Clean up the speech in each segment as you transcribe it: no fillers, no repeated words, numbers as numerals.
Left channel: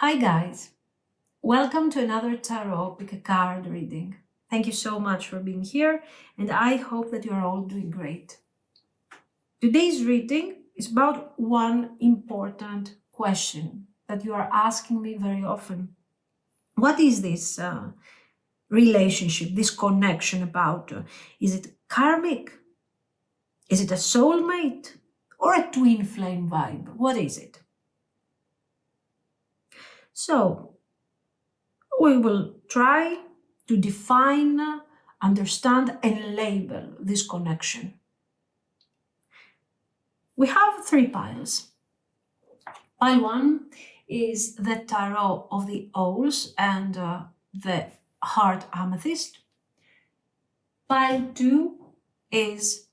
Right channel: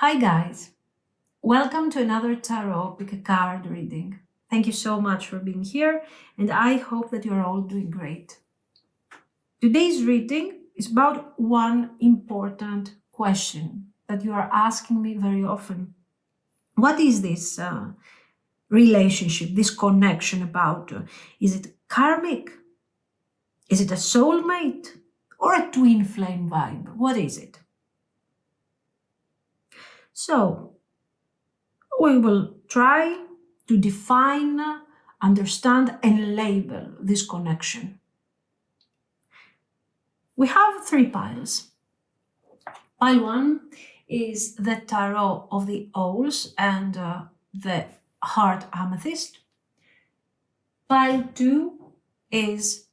Hi guys, welcome to another tarot pick a card reading. Thank you so much for being here and I hope that you are all doing great. Today's reading is about one important question that you are asking me very often. What is this relationship, this connection about? Is it karmic? Is it a soulmate or a twin flame vibe? What is it? So, we will try to define, understand, and label this connection. We have three piles. Pile one is the tarot of the owls and the heart amethyst. Pile two is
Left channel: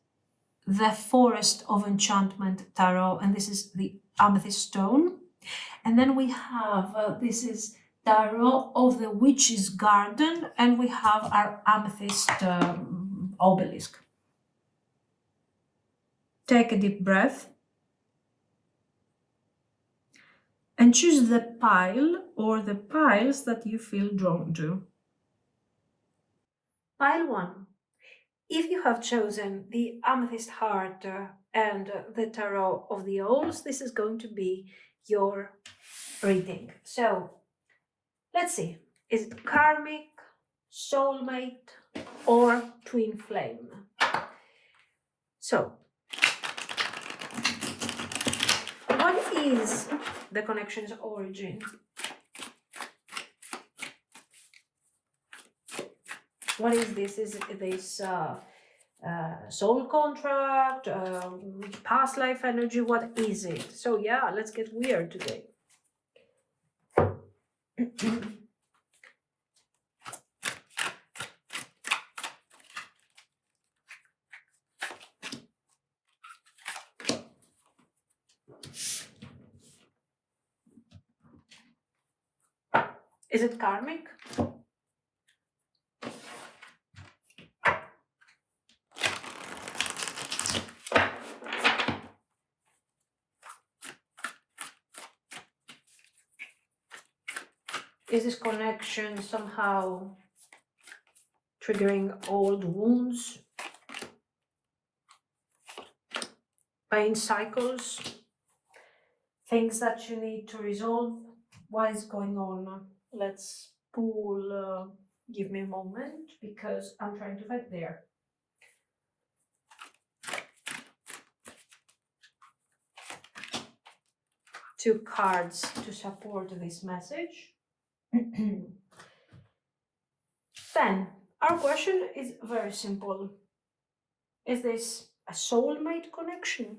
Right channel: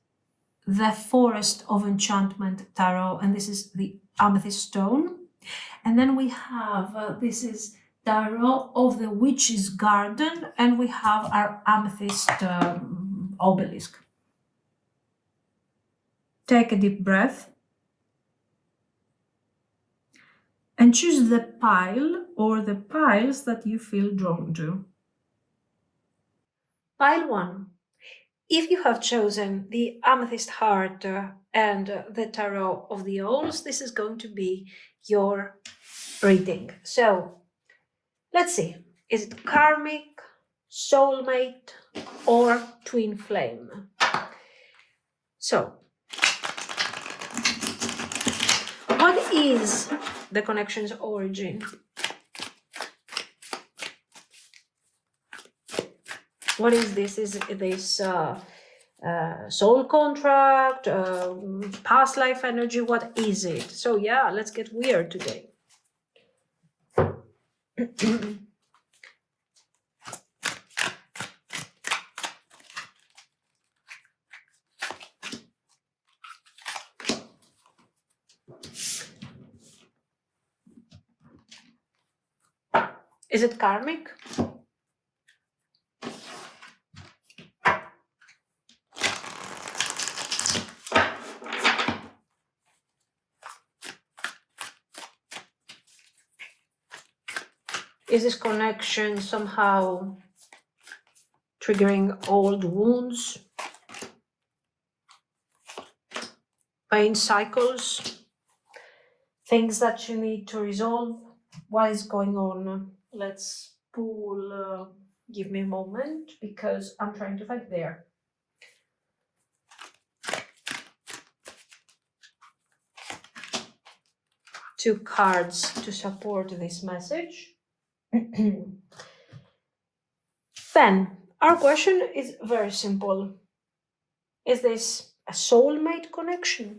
the forest of enchantment tarot, and this is the amethyst stone. And then we have this is tarot of the witch's garden, and we have our amethyst obelisk. Take a deep breath and choose the pile or the piles that you feel drawn to. Pile one. If you have chosen the amethyst heart and the tarot of the owls, this is going to be your reading. So let's see. Is it karmic, soulmate, or twin flame? So, what is the connection's origin? What is this? Is this soul contract, past life energy? What is it? So yeah, let's get weird today. Is it karmic? Is this connection somehow triggering old wounds? Pain cycles? Things that you need to resolve? What is going on? Let's pull, give me a moment because I'm trying to find there. Two cards to support this message. Then, our question is very simple. Is this a soulmate connection?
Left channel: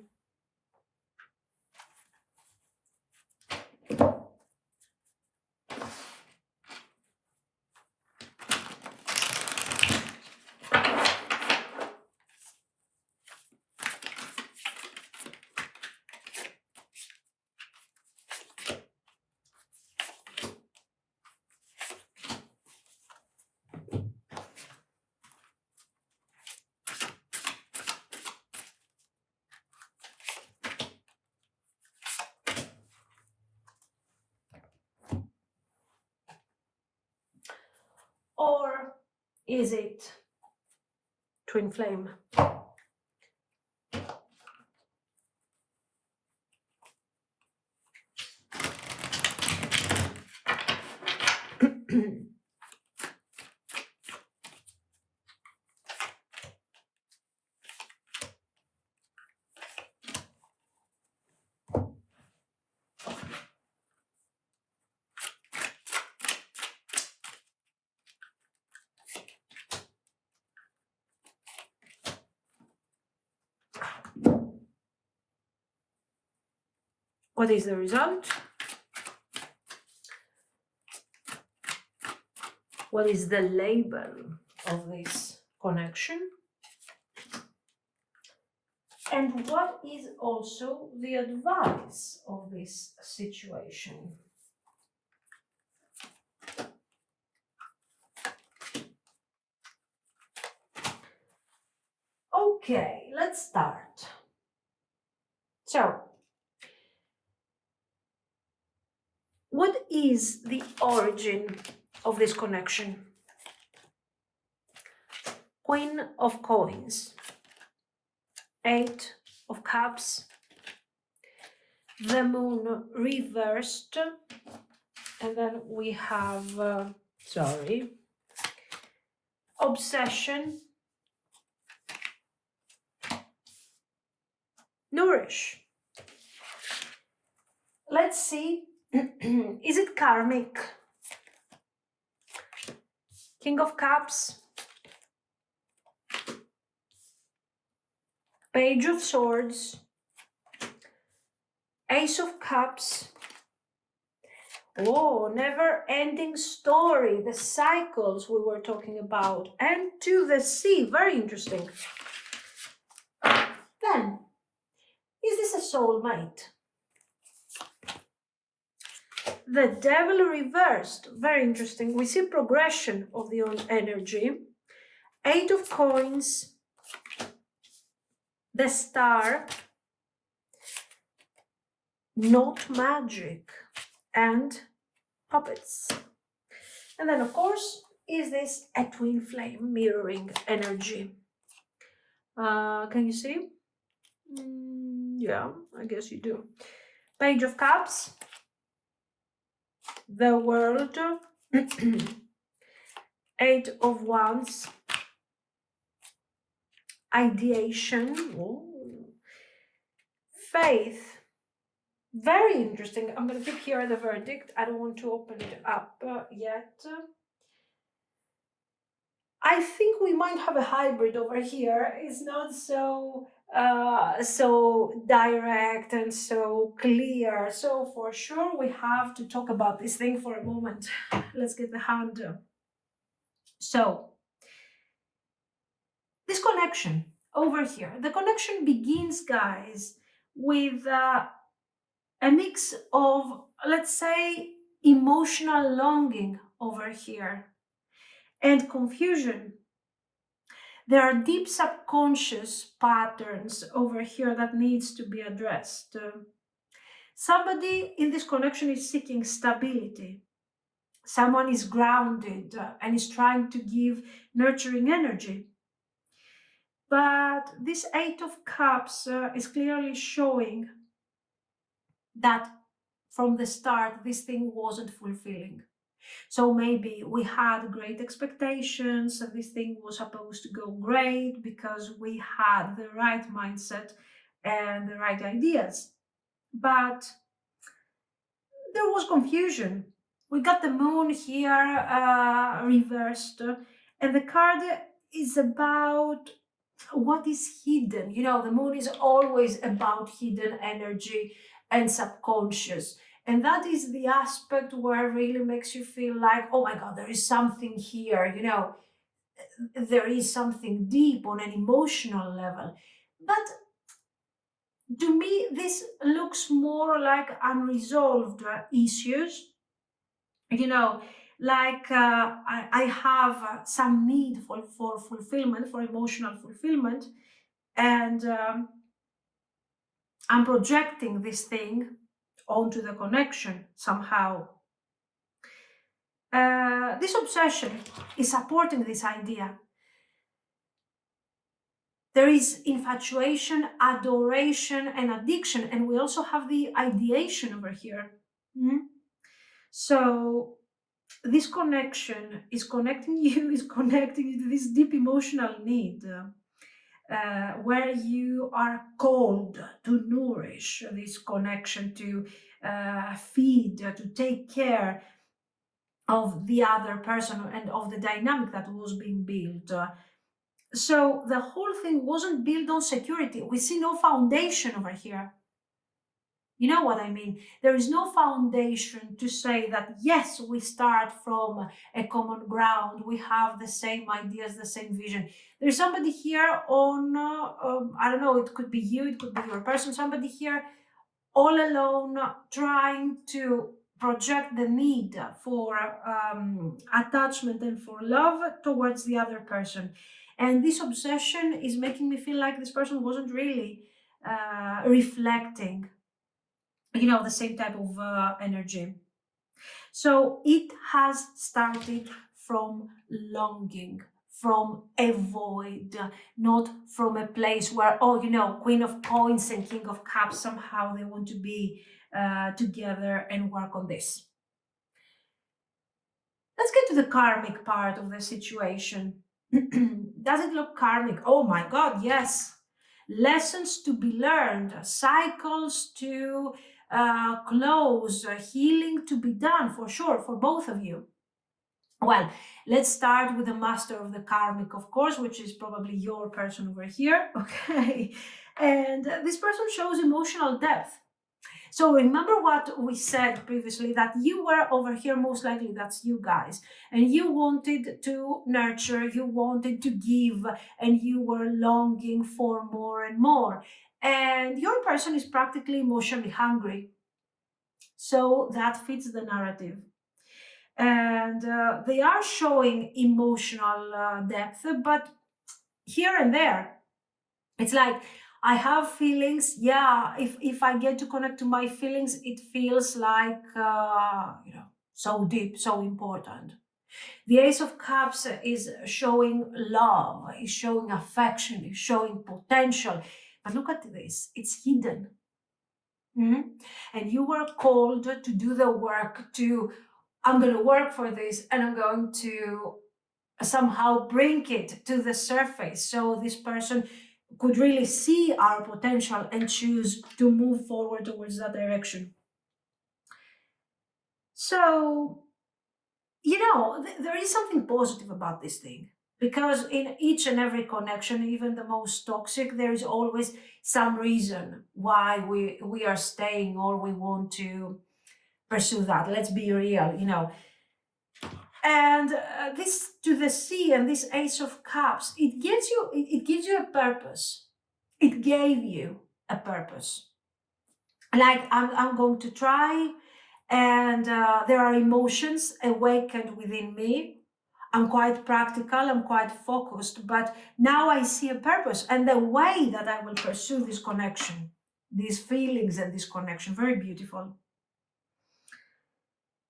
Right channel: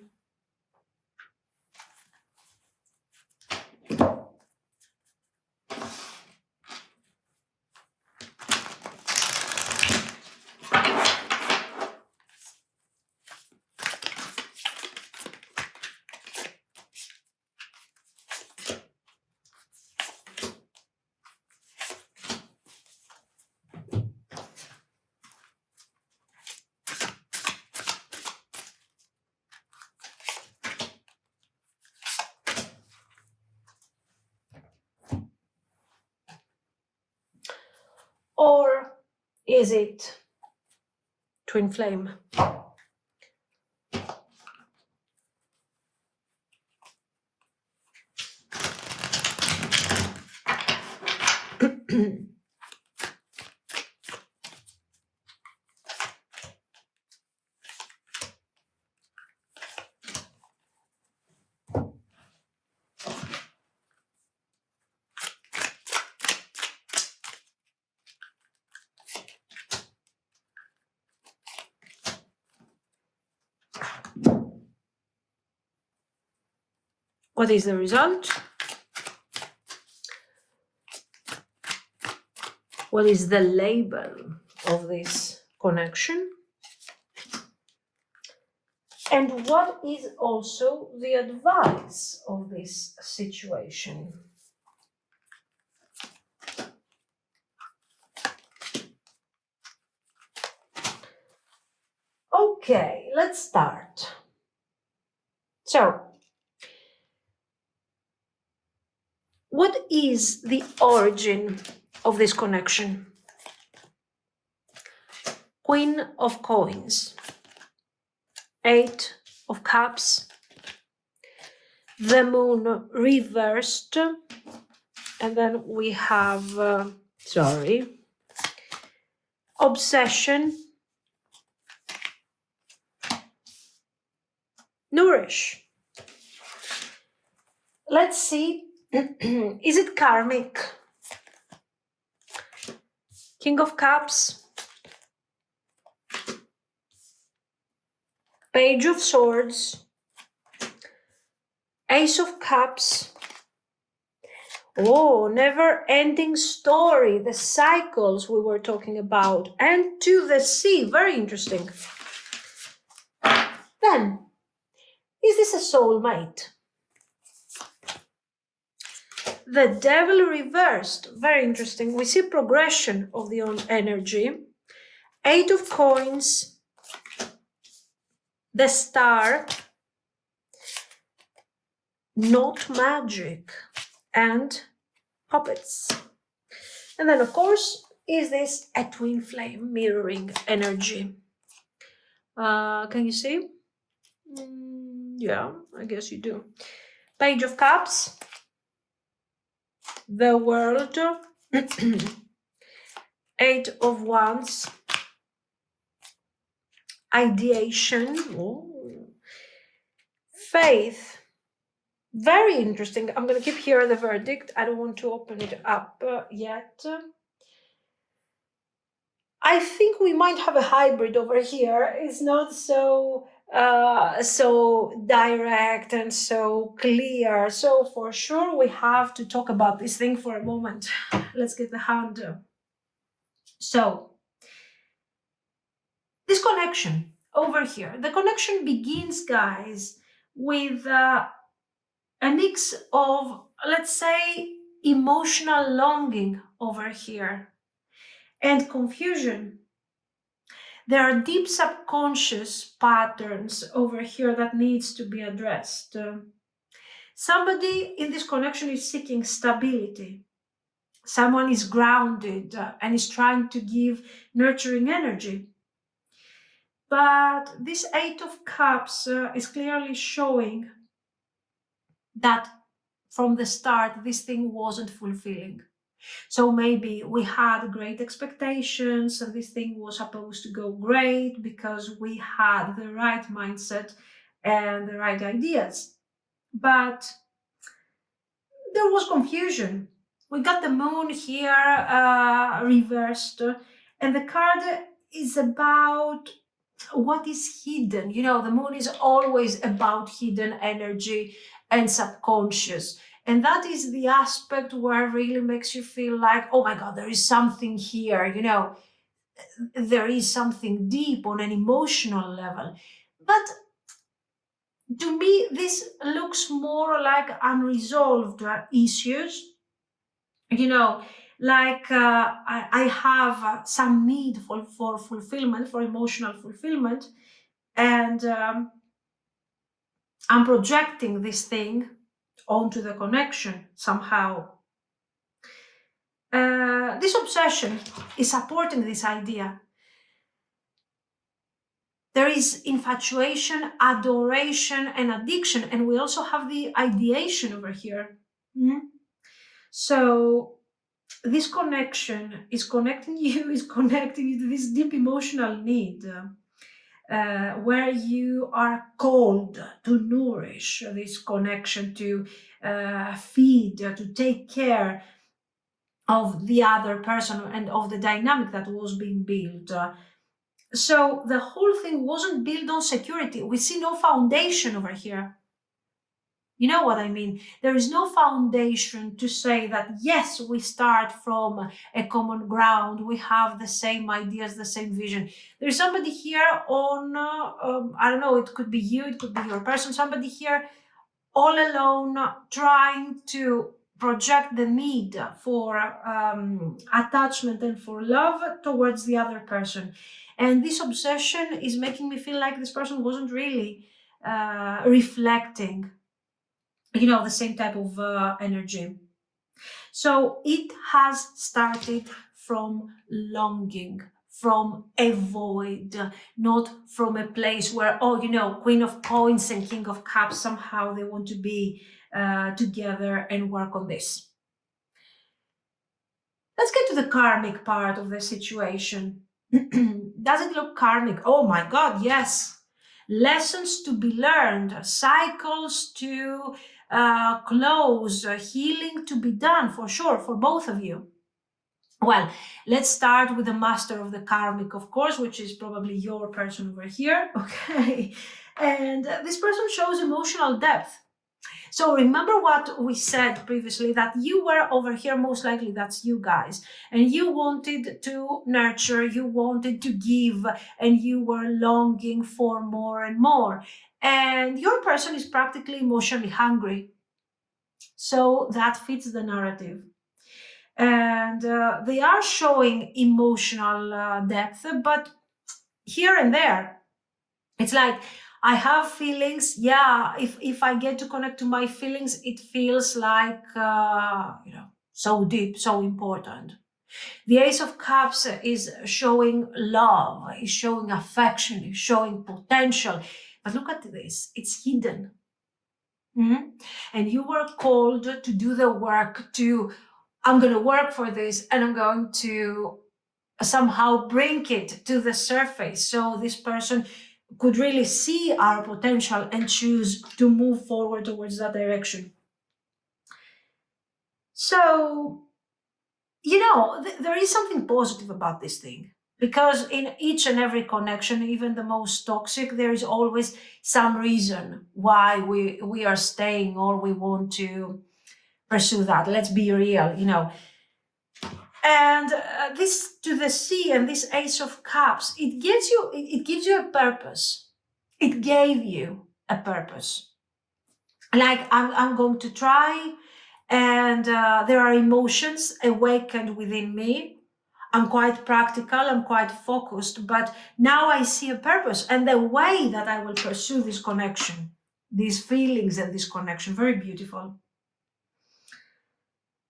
Or is it twin flame? What is the result? What is the label of this connection? And what is also the advice of this situation? Okay, let's start. So, What is the origin of this connection? Queen of Coins, Eight of Cups, the Moon reversed, and then we have, Obsession, Nourish. Let's see, is it karmic? King of Cups, Page of Swords, Ace of Cups. Oh, never-ending story, the cycles we were talking about, and to the sea, very interesting. Then, is this a soulmate? The Devil reversed, very interesting. We see progression of the own energy. Eight of Coins, the Star, Not Magic, and Puppets. And then, of course, is this a twin flame mirroring energy? Can you see? Yeah, I guess you do. Page of Cups, the World, Eight of Wands, Ideation, Faith. Very interesting. I'm going to keep here the verdict. I don't want to open it up yet. I think we might have a hybrid over here. It's not so direct and so clear. So for sure we have to talk about this thing for a moment. Let's get the hand. So this connection over here, the connection begins, guys, with a mix of, let's say, emotional longing over here and confusion. There are deep subconscious patterns over here that needs to be addressed. Somebody in this connection is seeking stability. Someone is grounded and is trying to give nurturing energy. But this Eight of Cups is clearly showing that from the start, this thing wasn't fulfilling. So maybe we had great expectations and this thing was supposed to go great because we had the right mindset and the right ideas. But there was confusion. We got the moon here reversed, and the card is about what is hidden. You know, the moon is always about hidden energy and subconscious. And that is the aspect where it really makes you feel like, oh my God, there is something here, you know, there is something deep on an emotional level. But to me, this looks more like unresolved issues. You know, like I have some need for fulfillment, for emotional fulfillment, and I'm projecting this thing onto the connection somehow. This obsession is supporting this idea. There is infatuation, adoration, and addiction, and we also have the ideation over here. So this connection is connecting you, is connecting you to this deep emotional need. Where you are called to nourish this connection, to feed, to take care of the other person and of the dynamic that was being built. So the whole thing wasn't built on security. We see no foundation over here. You know what I mean? There is no foundation to say that, yes, we start from a common ground. We have the same ideas, the same vision. There's somebody here on, I don't know, it could be you, it could be your person, somebody here all alone trying to project the need for attachment and for love towards the other person. And this obsession is making me feel like this person wasn't really reflecting, you know, the same type of energy. So it has started from longing, from a void, not from a place where, oh, Queen of Coins and King of Cups, somehow they want to be together and work on this. Let's get to the karmic part of the situation. Does it look karmic? Oh my God, yes. Lessons to be learned, cycles to close, healing to be done for sure, for both of you. Well, let's start with the master of the karmic, of course, which is probably your person over here. Okay. And this person shows emotional depth. So remember what we said previously, that you were over here, most likely that's you guys, and you wanted to nurture, you wanted to give, and you were longing for more and more. And your person is practically emotionally hungry. So that fits the narrative. And they are showing emotional depth, but here and there. It's like, I have feelings. Yeah, if I get to connect to my feelings, it feels like, so deep, so important. The Ace of Cups is showing love, is showing affection, is showing potential. But look at this, it's hidden. Mm-hmm. And you were called to do the work I'm going to work for this, and I'm going to somehow bring it to the surface so this person could really see our potential and choose to move forward towards that direction. So, there is something positive about this thing, because in each and every connection, even the most toxic, there is always some reason why we are staying or we want to pursue that. Let's be real. And this to the sea and this Ace of Cups, it gives you a purpose. It gave you a purpose. Like, I'm going to try, and there are emotions awakened within me. I'm quite practical, I'm quite focused, but now I see a purpose and the way that I will pursue this connection, these feelings and this connection, very beautiful.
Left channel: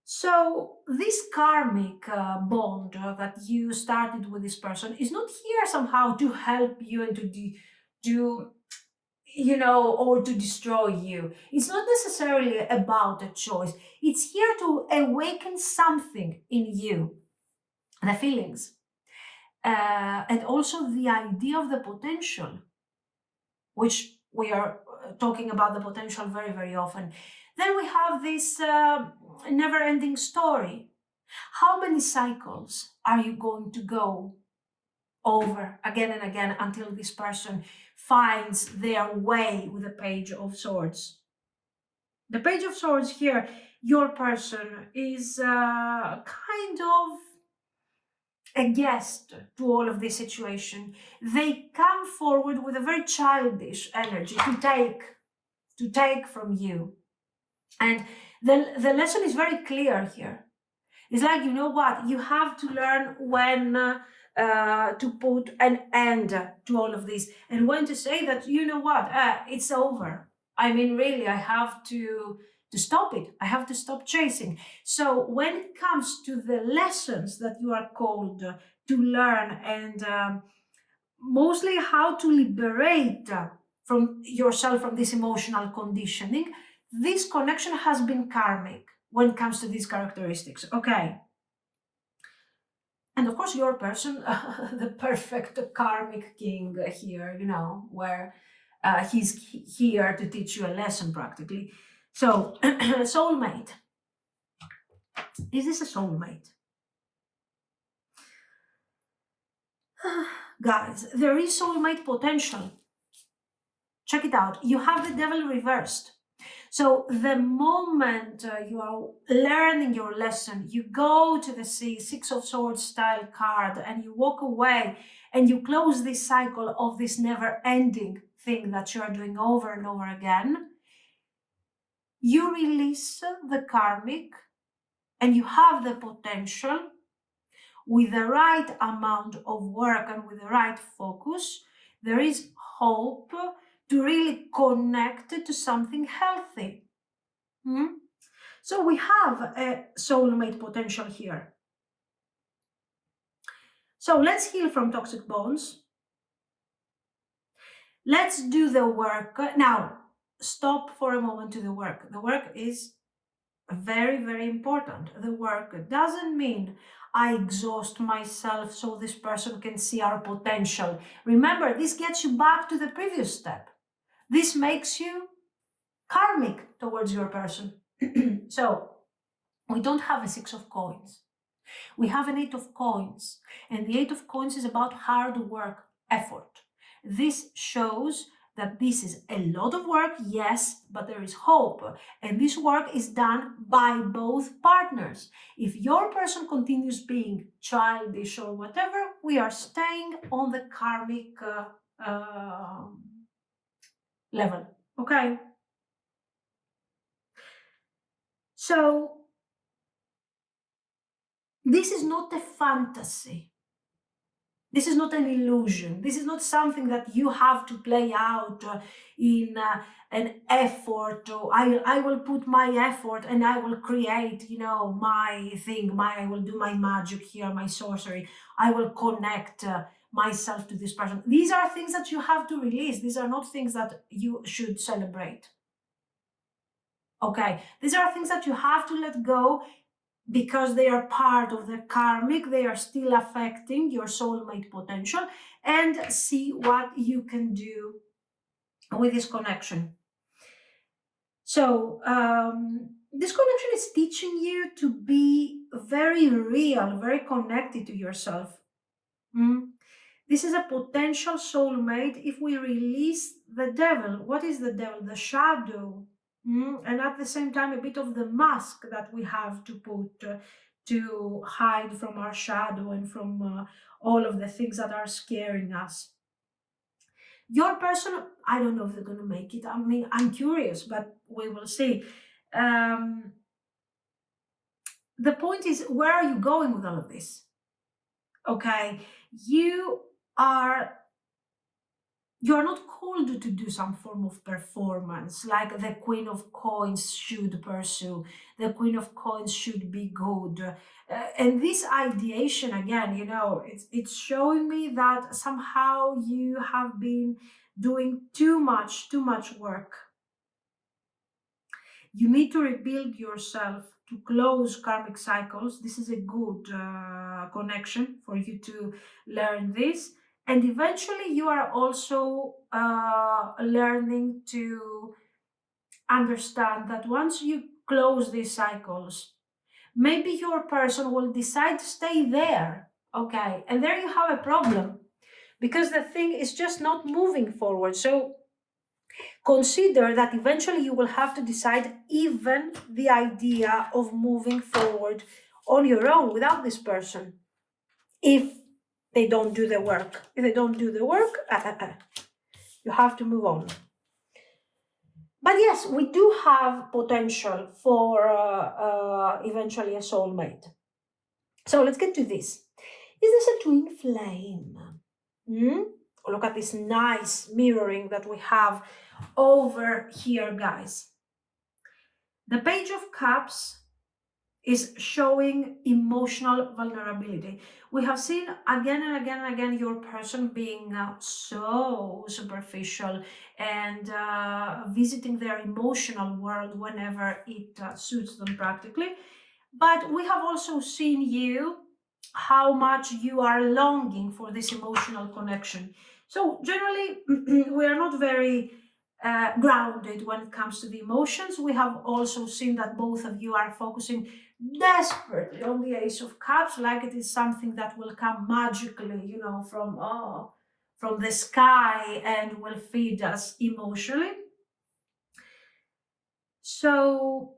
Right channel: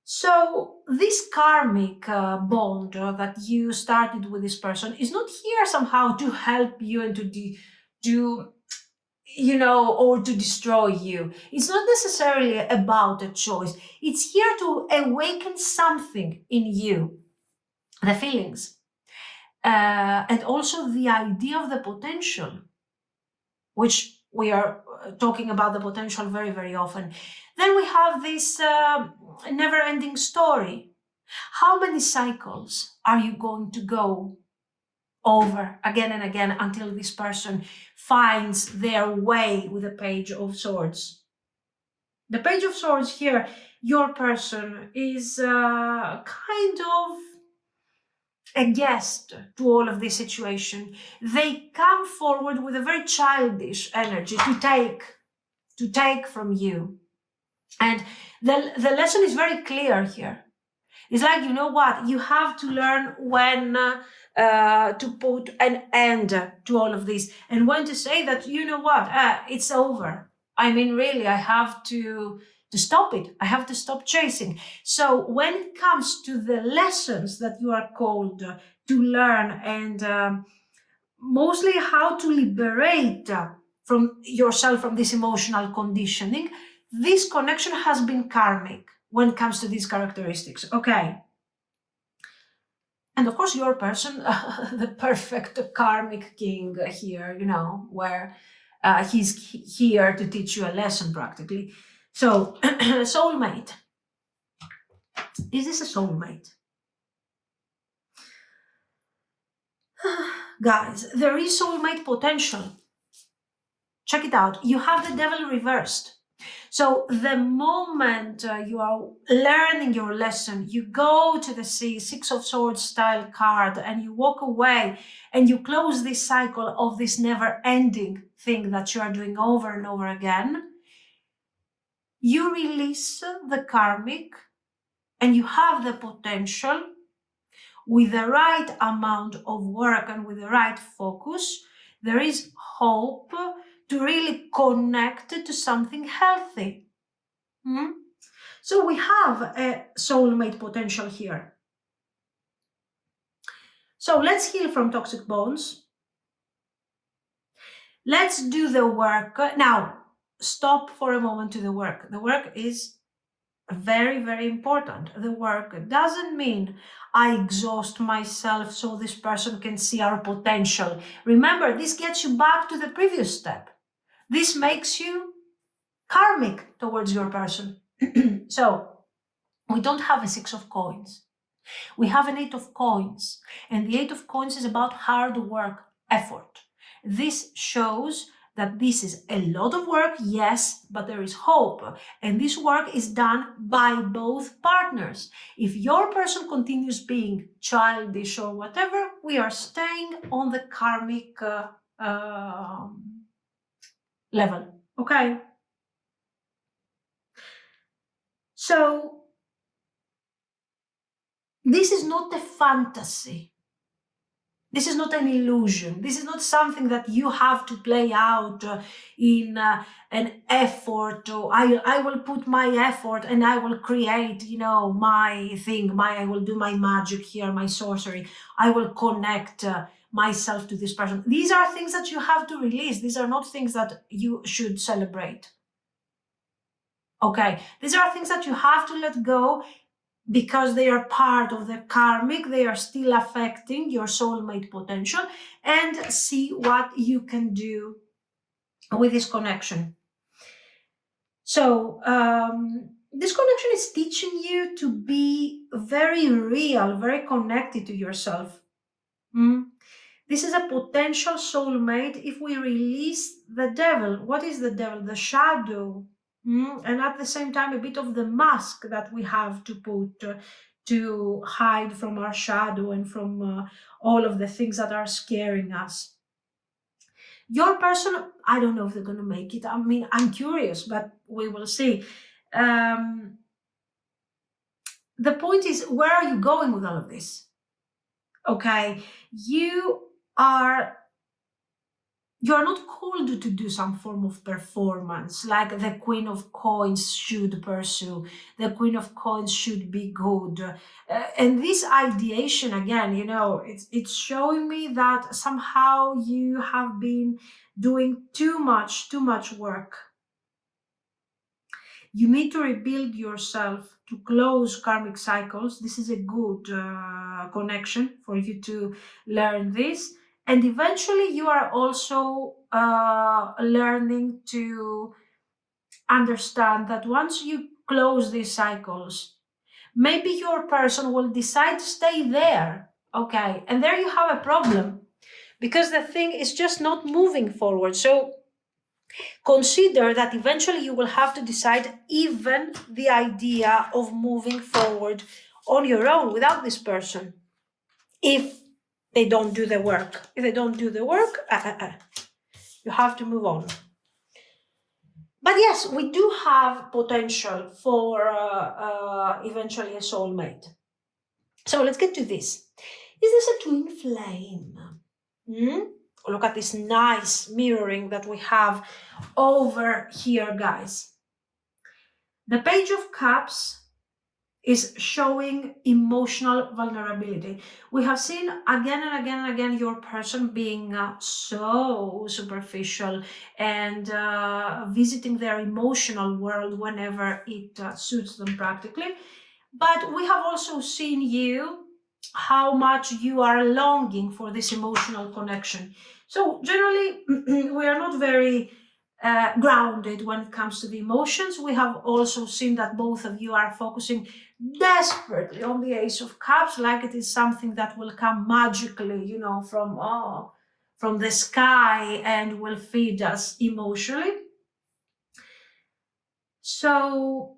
So this karmic bond that you started with this person is not here somehow to help you and or to destroy you. It's not necessarily about a choice. It's here to awaken something in you, the feelings, and also the idea of the potential, which we are talking about the potential very, very often. Then we have this never ending story. How many cycles are you going to go over again and again until this person finds their way with the Page of Swords? The Page of Swords here, your person is kind of a guest to all of this situation. They come forward with a very childish energy to take from you. And the lesson is very clear here. It's like, you know what? You have to learn when to put an end to all of this, and when to say that, you know what, it's over. I mean, really, I have to stop it. I have to stop chasing. So when it comes to the lessons that you are called to learn, and mostly how to liberate from yourself from this emotional conditioning, this connection has been karmic when it comes to these characteristics. Okay. And of course, your person, the perfect karmic king here, where he's here to teach you a lesson practically. So, soulmate. Is this a soulmate? Guys, there is soulmate potential. Check it out. You have the devil reversed. So the moment you are learning your lesson, you go to the sea, Six of Swords style card, and you walk away and you close this cycle of this never ending thing that you are doing over and over again. You release the karmic and you have the potential, with the right amount of work and with the right focus, there is hope to really connect to something healthy. Hmm? So we have a soulmate potential here. So let's heal from toxic bonds. Let's do the work. Now, stop for a moment to the work. The work is very, very important. The work doesn't mean I exhaust myself so this person can see our potential. Remember, this gets you back to the previous step. This makes you karmic towards your person. So we don't have a 6 of coins. We have an 8 of coins. And the 8 of coins is about hard work, effort. This shows that this is a lot of work, yes, but there is hope. And this work is done by both partners. If your person continues being childish or whatever, we are staying on the karmic level, okay? So this is not a fantasy. This is not an illusion. This is not something that you have to play out in an effort. Or I will put my effort and I will create, my thing. I will do my magic here, my sorcery. I will connect myself to this person. These are things that you have to release. These are not things that you should celebrate. Okay, these are things that you have to let go because they are part of the karmic, they are still affecting your soulmate potential, and see what you can do with this connection. So, this connection is teaching you to be very real, very connected to yourself. This is a potential soulmate if we release the devil. What is the devil? The shadow. And at the same time, a bit of the mask that we have to put to hide from our shadow and from all of the things that are scaring us. Your person, I don't know if they're going to make it. I mean, I'm curious, but we will see. The point is, where are you going with all of this? Okay, you are not called to do some form of performance like the Queen of Coins should pursue. The Queen of Coins should be good. And this ideation, again, it's showing me that somehow you have been doing too much work. You need to rebuild yourself to close karmic cycles. This is a good connection for you to learn this. And eventually you are also learning to understand that once you close these cycles, maybe your person will decide to stay there. Okay, and there you have a problem because the thing is just not moving forward. So consider that eventually you will have to decide even the idea of moving forward on your own without this person if they don't do the work. If they don't do the work, you have to move on. But yes, we do have potential for eventually a soulmate. So let's get to this. Is this a twin flame? Look at this nice mirroring that we have over here, guys. The Page of Cups is showing emotional vulnerability. We have seen again and again and again your person being so superficial and visiting their emotional world whenever it suits them practically. But we have also seen you, how much you are longing for this emotional connection. So generally, we are not very grounded when it comes to the emotions. We have also seen that both of you are focusing desperately on the Ace of Cups, like it is something that will come magically, from the sky and will feed us emotionally. So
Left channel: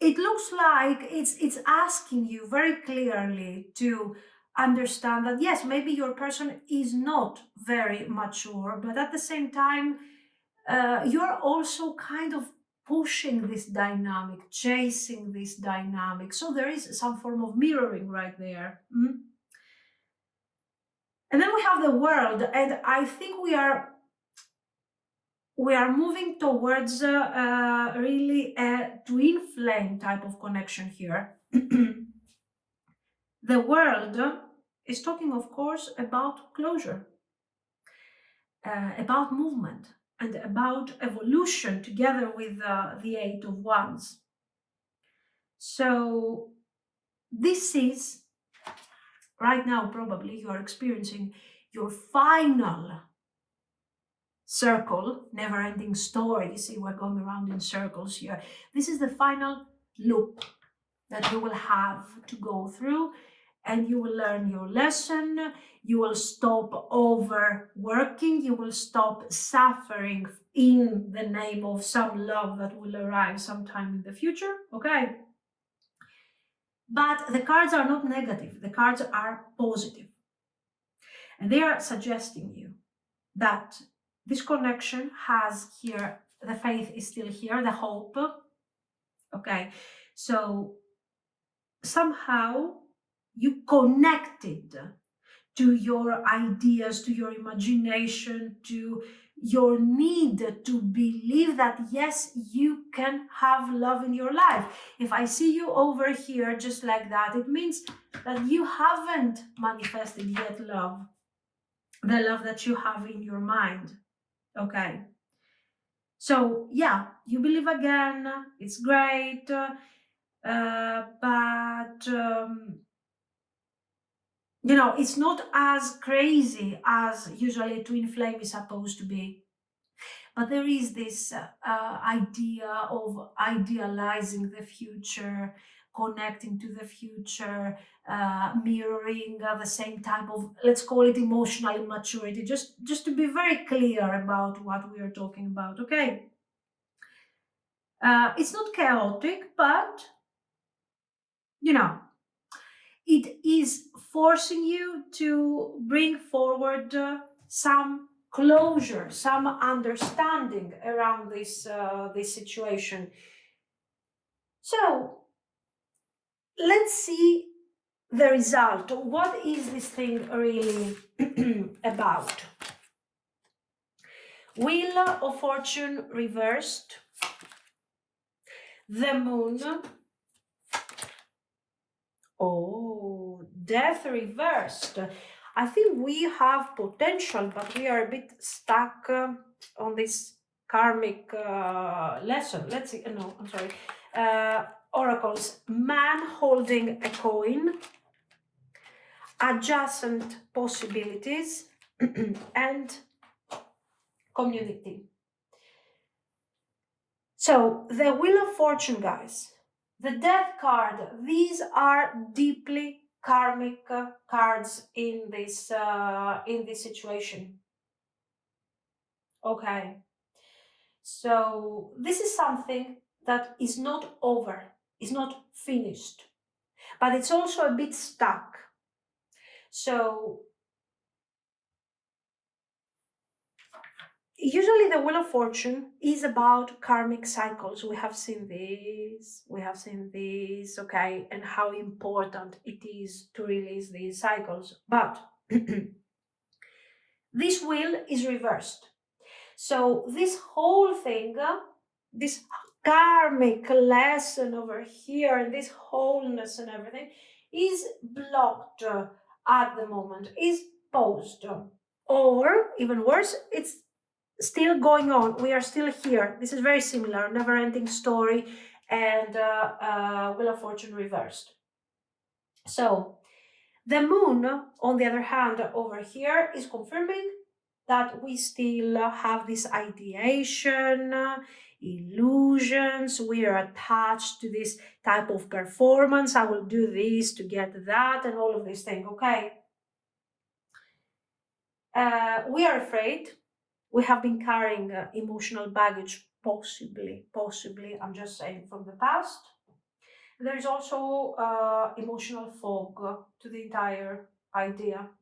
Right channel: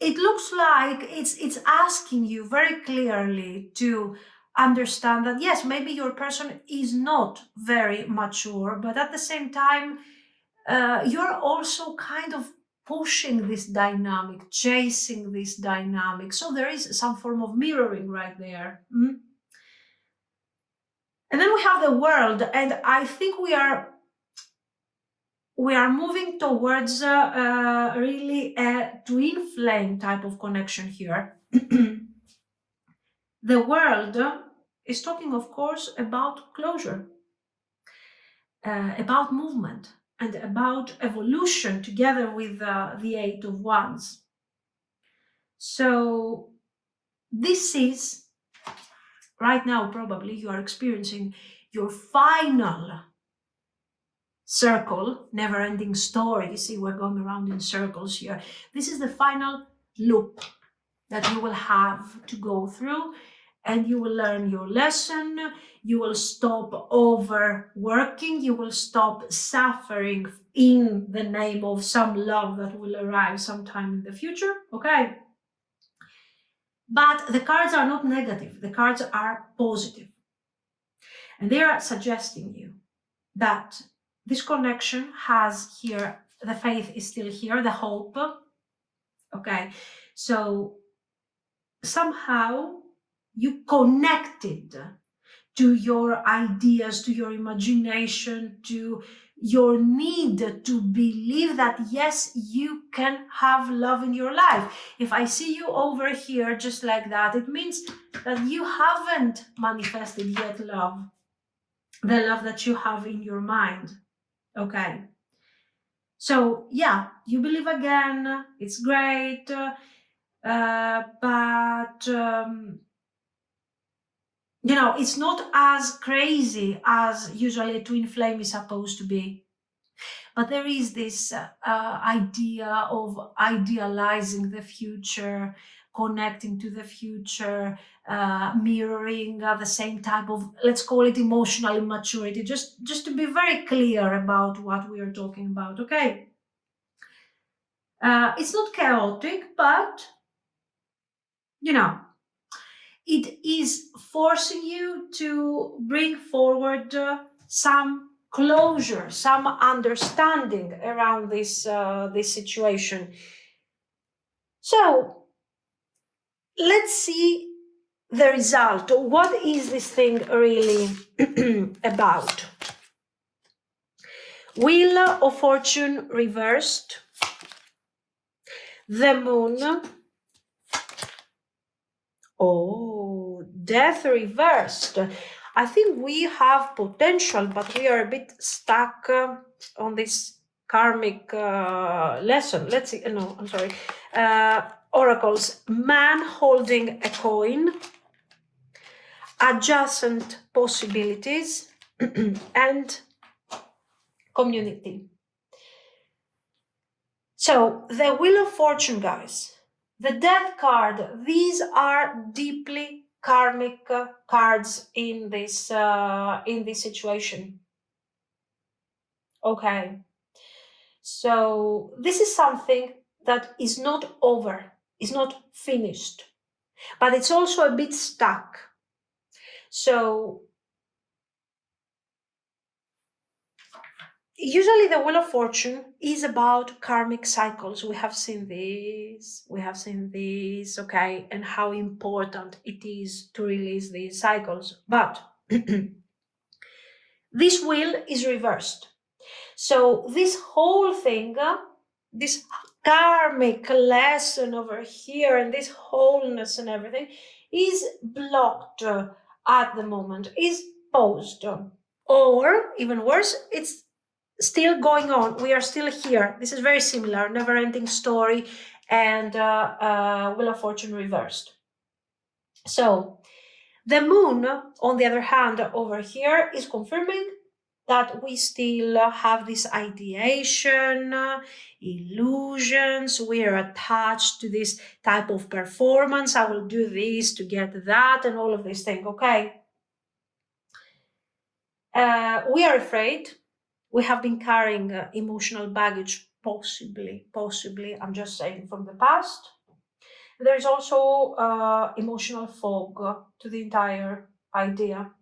it looks like it's asking you very clearly to understand that yes, maybe your person is not very mature, but at the same time, you're also kind of pushing this dynamic, chasing this dynamic. So there is some form of mirroring right there. And then we have the world, and I think we are we are moving towards really a twin flame type of connection here. The world is talking, of course, about closure, about movement, and about evolution together with the Eight of Wands. So this is, right now, probably you are experiencing your final circle, never-ending story. You see, we're going around in circles here. This is the final loop that you will have to go through, and you will learn your lesson. You will stop overworking. You will stop suffering in the name of some love that will arrive sometime in the future, okay? But the cards are not negative. The cards are positive. And they are suggesting you that this connection has here, the faith is still here, the hope, okay? So somehow you connected to your ideas, to your imagination, to your need to believe that yes, you can have love in your life. If I see you over here just like that, it means that you haven't manifested yet love, the love that you have in your mind, okay? So yeah, you believe again, it's great, but you know, it's not as crazy as usually a twin flame is supposed to be. But there is this idea of idealizing the future, connecting to the future, mirroring the same type of, let's call it emotional immaturity, just to be very clear about what we are talking about, okay? It's not chaotic, but, you know, it is forcing you to bring forward some closure, some understanding around this situation. So let's see the result. What is this thing really about? Wheel of Fortune reversed, the Moon, oh, Death reversed. I think we have potential, but we are a bit stuck on this karmic lesson. Let's see. No, I'm sorry. Oracles. Man holding a coin, adjacent possibilities, and community. So the Wheel of Fortune, guys. The Death card. These are deeply karmic cards in this situation. Okay, so this is something that is not over, is not finished, but it's also a bit stuck. So usually the Wheel of Fortune is about karmic cycles. We have seen this, okay, and how important it is to release these cycles. But this wheel is reversed. So this whole thing, this karmic lesson over here and this wholeness and everything is blocked at the moment, is paused. Or even worse, it's still going on. We are still here. This is very similar, never-ending story and Wheel of Fortune reversed. So the Moon, on the other hand, over here is confirming that we still have this ideation, illusions, we are attached to this type of performance. I will do this to get that and all of these things, okay? We are afraid. We have been carrying emotional baggage, possibly, I'm just saying, from the past. There is also emotional fog to the entire idea.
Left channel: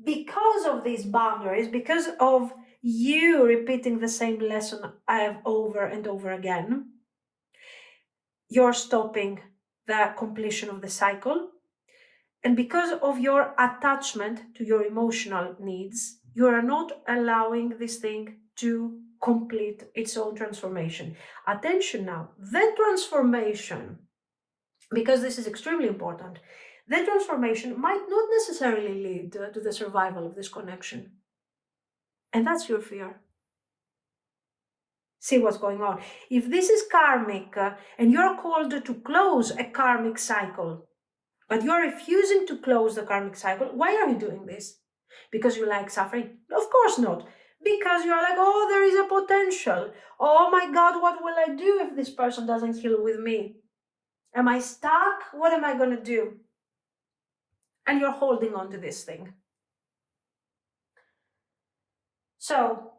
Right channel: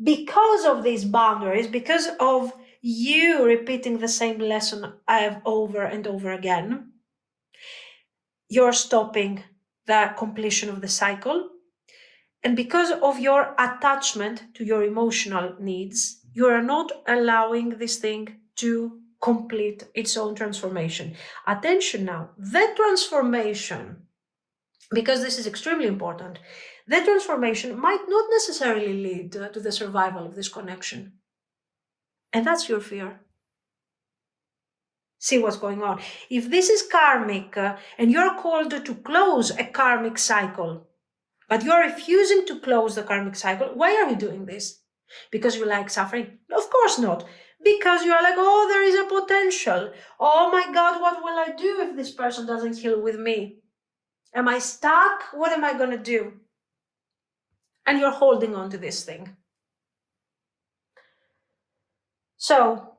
Because of these boundaries, because of you repeating the same lesson I have over and over again, you're stopping the completion of the cycle. And because of your attachment to your emotional needs, you are not allowing this thing to complete its own transformation. Attention now, the transformation, because this is extremely important, the transformation might not necessarily lead to the survival of this connection. And that's your fear. See what's going on. If this is karmic and you're called to close a karmic cycle, but you're refusing to close the karmic cycle, why are you doing this? Because you like suffering? Of course not. Because you're like, oh, there is a potential. Oh my God, what will I do if this person doesn't heal with me? Am I stuck? What am I going to do? And you're holding on to this thing. So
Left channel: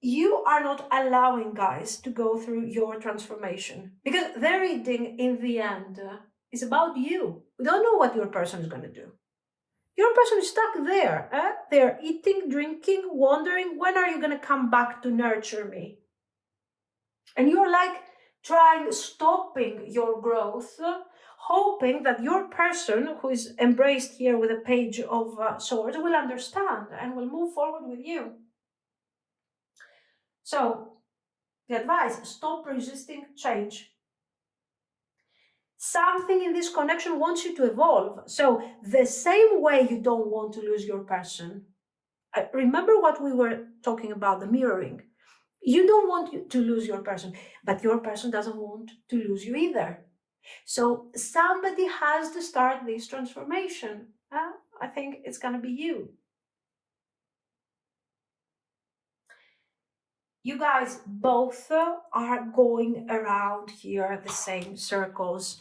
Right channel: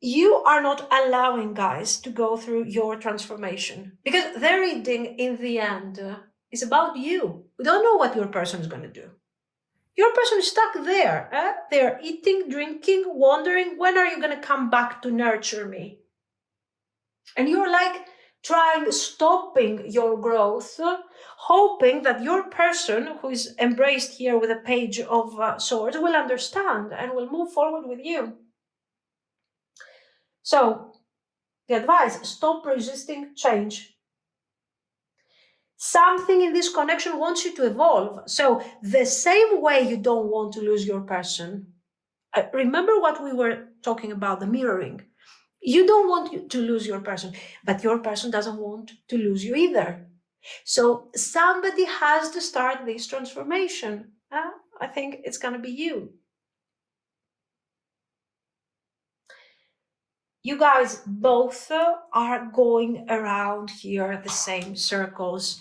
you are not allowing, guys, to go through your transformation, because the reading in the end is about you. We don't know what your person is going to do. Your person is stuck there. They're eating, drinking, wondering, when are you going to come back to nurture me? And you're like stopping your growth, hoping that your person, who is embraced here with a page of swords, will understand and will move forward with you. So, the advice, stop resisting change. Something in this connection wants you to evolve. So, the same way you don't want to lose your person, remember what we were talking about, the mirroring. You don't want to lose your person, but your person doesn't want to lose you either. So somebody has to start this transformation. I think it's going to be you. You guys both are going around here the same circles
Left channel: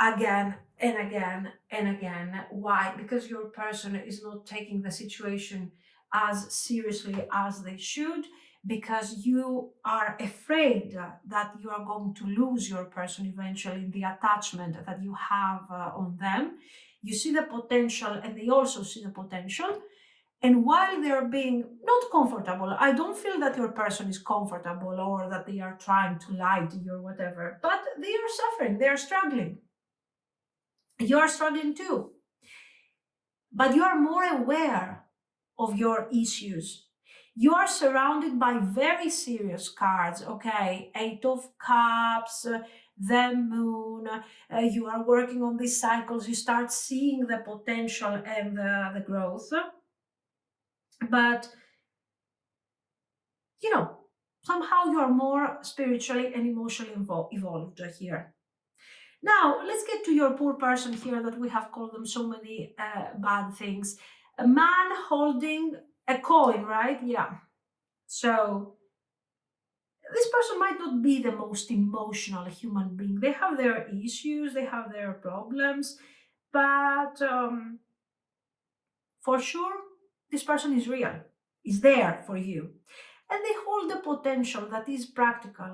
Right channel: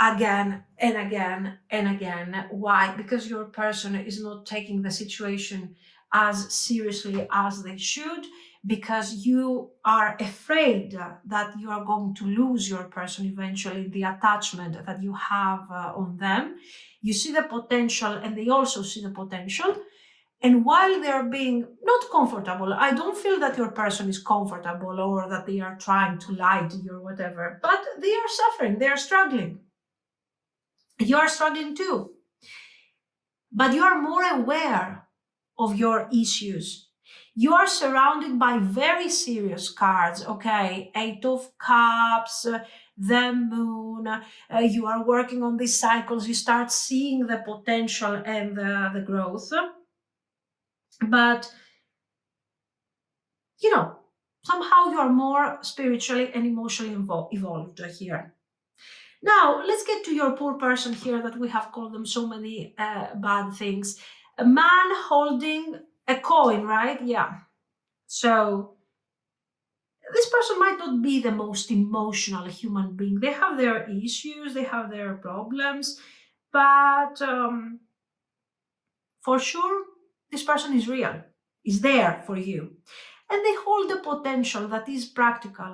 again and again and again. Why? Because your person is not taking the situation as seriously as they should, because you are afraid that you are going to lose your person eventually, the attachment that you have on them. You see the potential and they also see the potential. And while they're being not comfortable, I don't feel that your person is comfortable or that they are trying to lie to you or whatever, but they are suffering, they are struggling. You are struggling too. But you are more aware of your issues. You are surrounded by very serious cards, okay? Eight of Cups, the Moon. You are working on these cycles. You start seeing the potential and the growth. But somehow you are more spiritually and emotionally evolved here. Now, let's get to your poor person here that we have called them so many bad things. A man holding a coin, right? Yeah. So this person might not be the most emotional human being. They have their issues, they have their problems, but for sure, this person is real, is there for you. And they hold the potential that is practical.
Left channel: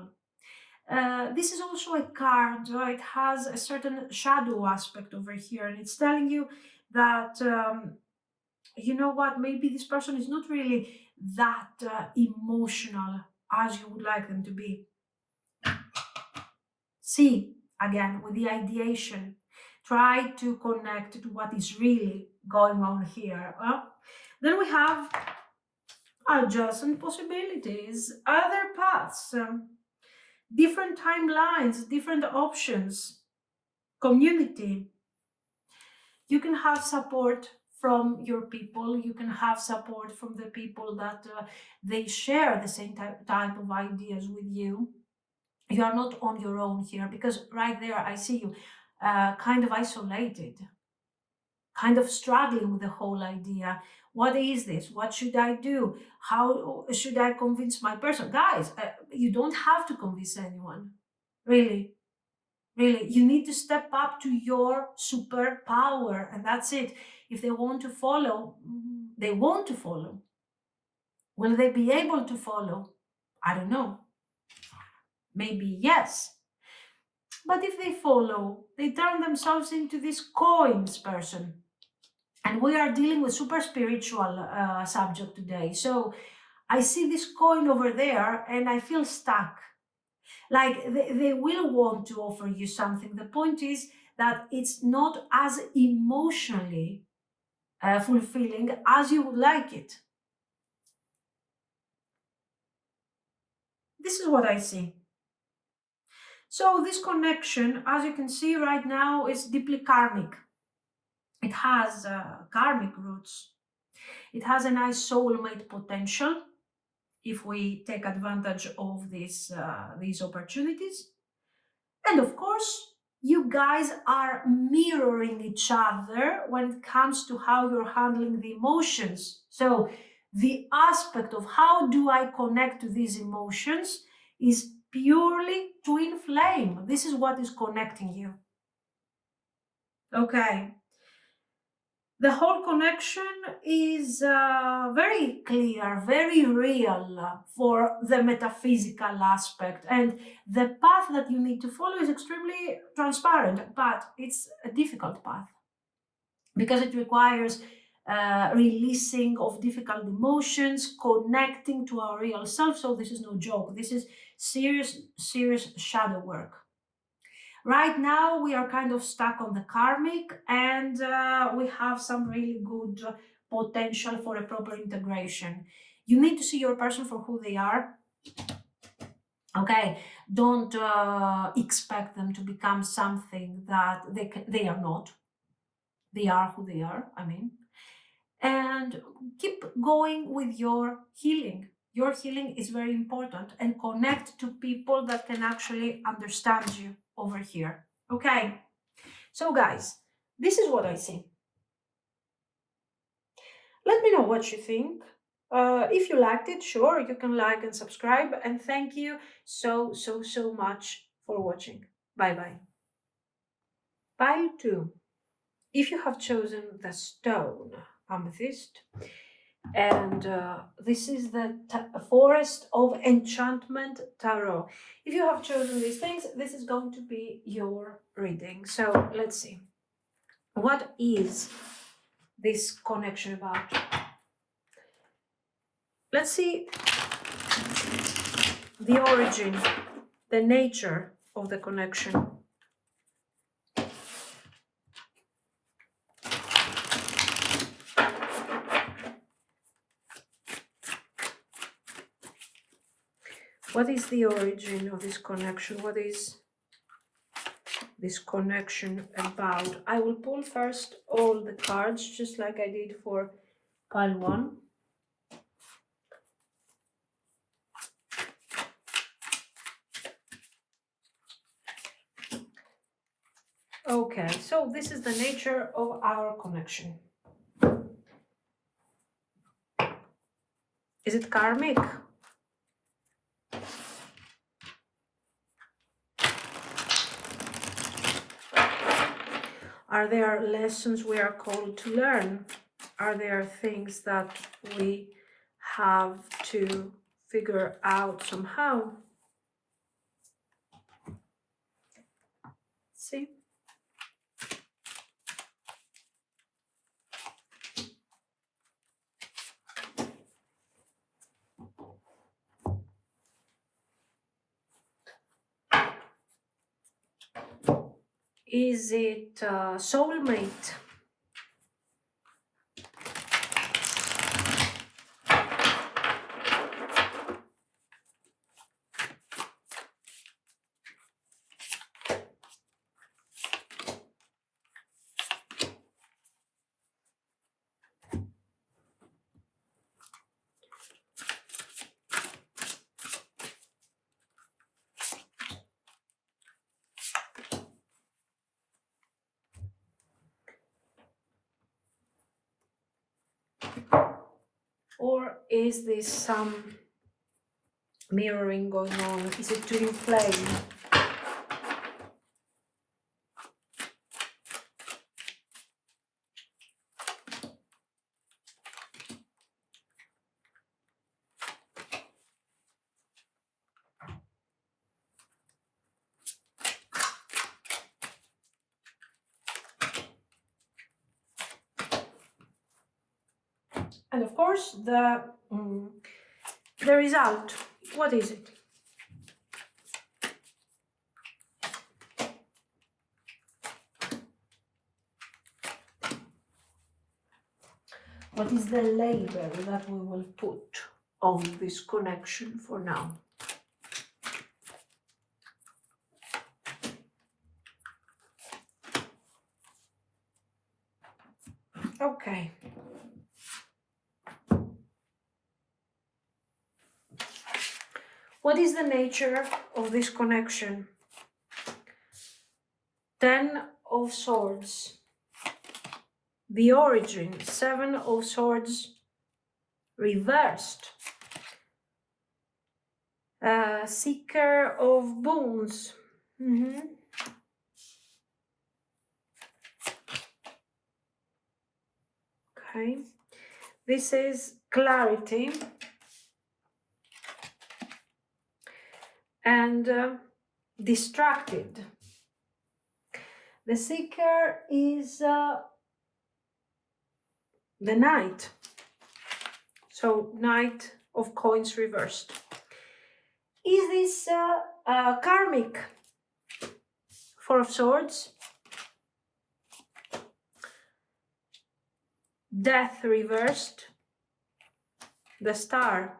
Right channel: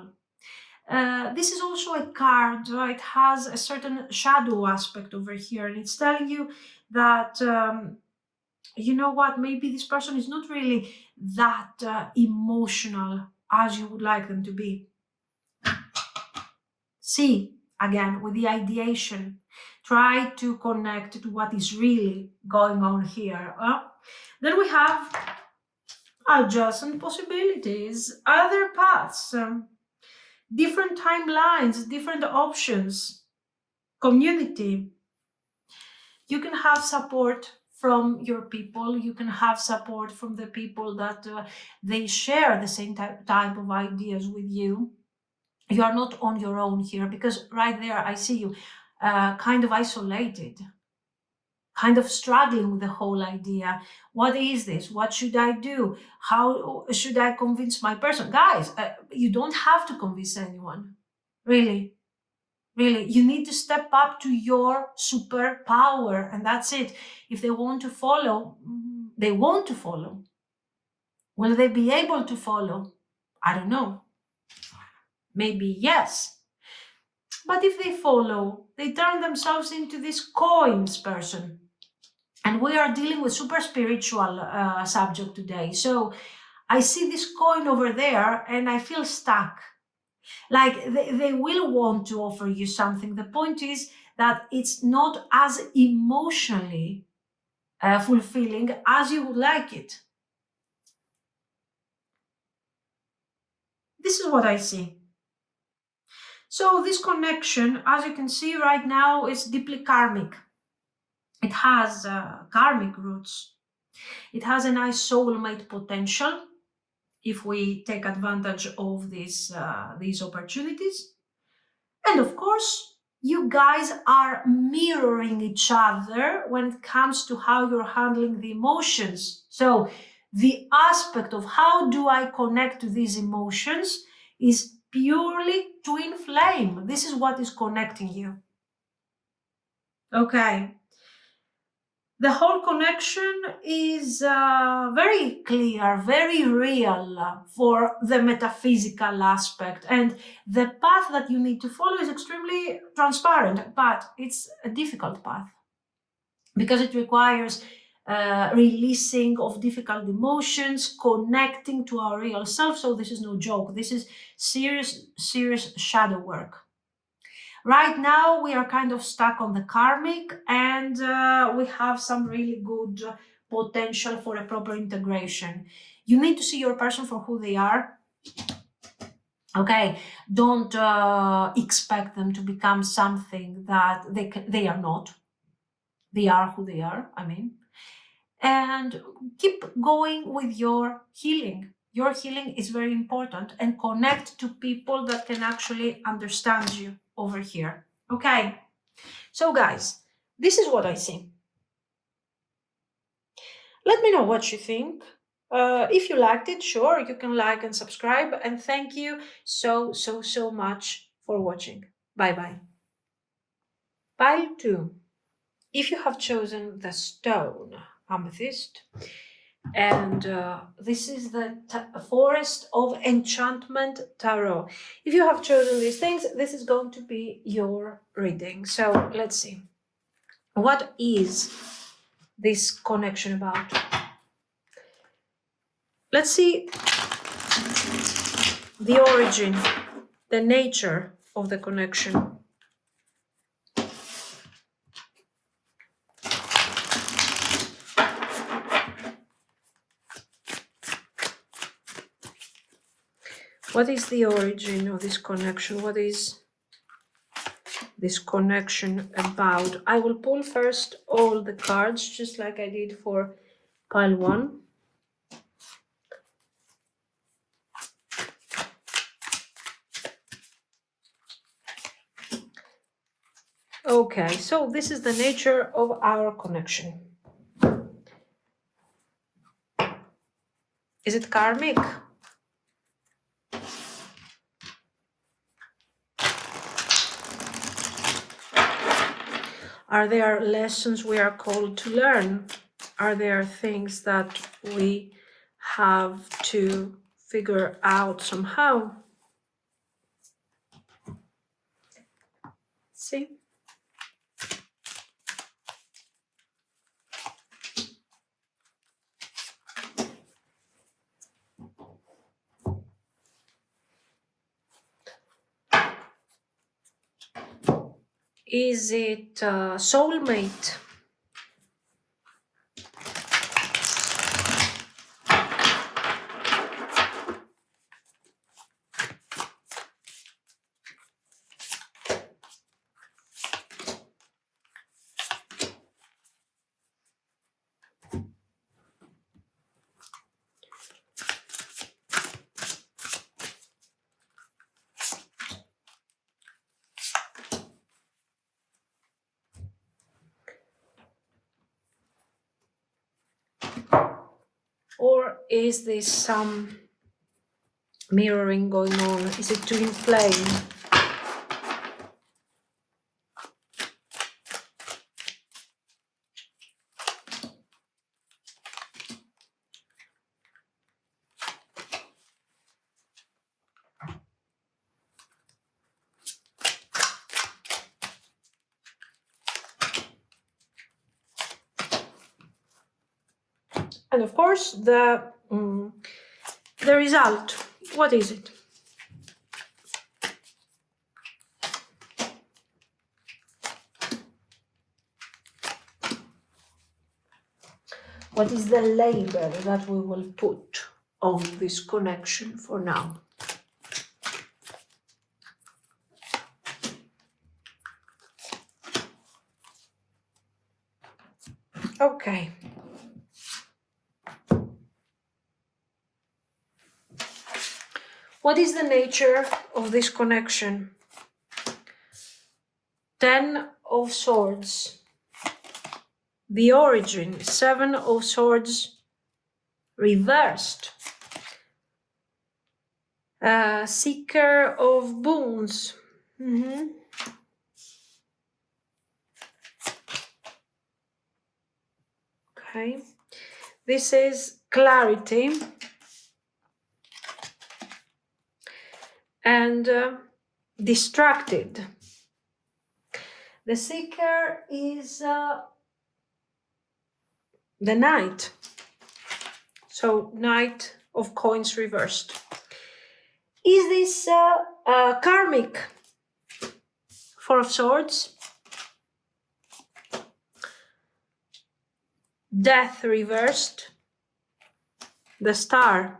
This is also a card, it has a certain shadow aspect over here, and it's telling you that, you know what, maybe this person is not really that emotional as you would like them to be. See, again, with the ideation, try to connect to what is really going on here. Then we have adjacent possibilities, other paths, different timelines, different options, community. You can have support from your people. You can have support from the people that they share the same type of ideas with you. You are not on your own here, because right there I see you kind of isolated, kind of struggling with the whole idea. What is this? What should I do? How should I convince my person? Guys, you don't have to convince anyone. Really, really. You need to step up to your superpower, and that's it. If they want to follow, they want to follow. Will they be able to follow? I don't know. Maybe yes. But if they follow, they turn themselves into this coins person. And we are dealing with super spiritual subject today. So I see this coin over there and I feel stuck. Like they will want to offer you something. The point is that it's not as emotionally fulfilling as you would like it. this is what I see. So this connection, as you can see right now, is deeply karmic. It has karmic roots. It has a nice soulmate potential if we take advantage of these opportunities. And of course, you guys are mirroring each other when it comes to how you're handling the emotions. So the aspect of how do I connect to these emotions is purely twin flame. This is what is connecting you. Okay. The whole connection is very clear, very real for the metaphysical aspect. And the path that you need to follow is extremely transparent, but it's a difficult path because it requires releasing of difficult emotions, connecting to our real self. So this is no joke. This is serious shadow work. Right now, we are kind of stuck on the karmic, and we have some really good potential for a proper integration. You need to see your person for who they are. Okay, don't expect them to become something that they are not. They are who they are, I mean. And keep going with your healing. Your healing is very important, and connect to people that can actually understand you over here. Okay. So guys, this is what I see. Let me know what you think. If you liked it, sure, you can like and subscribe. And thank you so much for watching. Bye bye. Pile 2. If you have chosen the stone Amethyst, and this is the Forest of Enchantment Tarot. If you have chosen these things, this is going to be your reading. So let's see. What is this connection about? Let's see the origin, the nature of the connection. What is the origin of this connection? What is this connection about? I will pull first all the cards, just like I did for pile 1. Okay, so this is the nature of our connection. Is it karmic? Are there lessons we are called to learn? Are there things that we have to figure out somehow? See? Is it soulmate? Or is this some mirroring going on? Is it twin flame? And of course, the result. What is it? What is the label that we will put on this connection for now? Okay. What is the nature of this connection? 10 of Swords. The origin, 7 of Swords reversed. Seeker of Boons. Okay. This is clarity. And distracted. The Seeker is the Knight. So Knight of Coins reversed. Is this Karmic? 4 of Swords. Death reversed. The Star.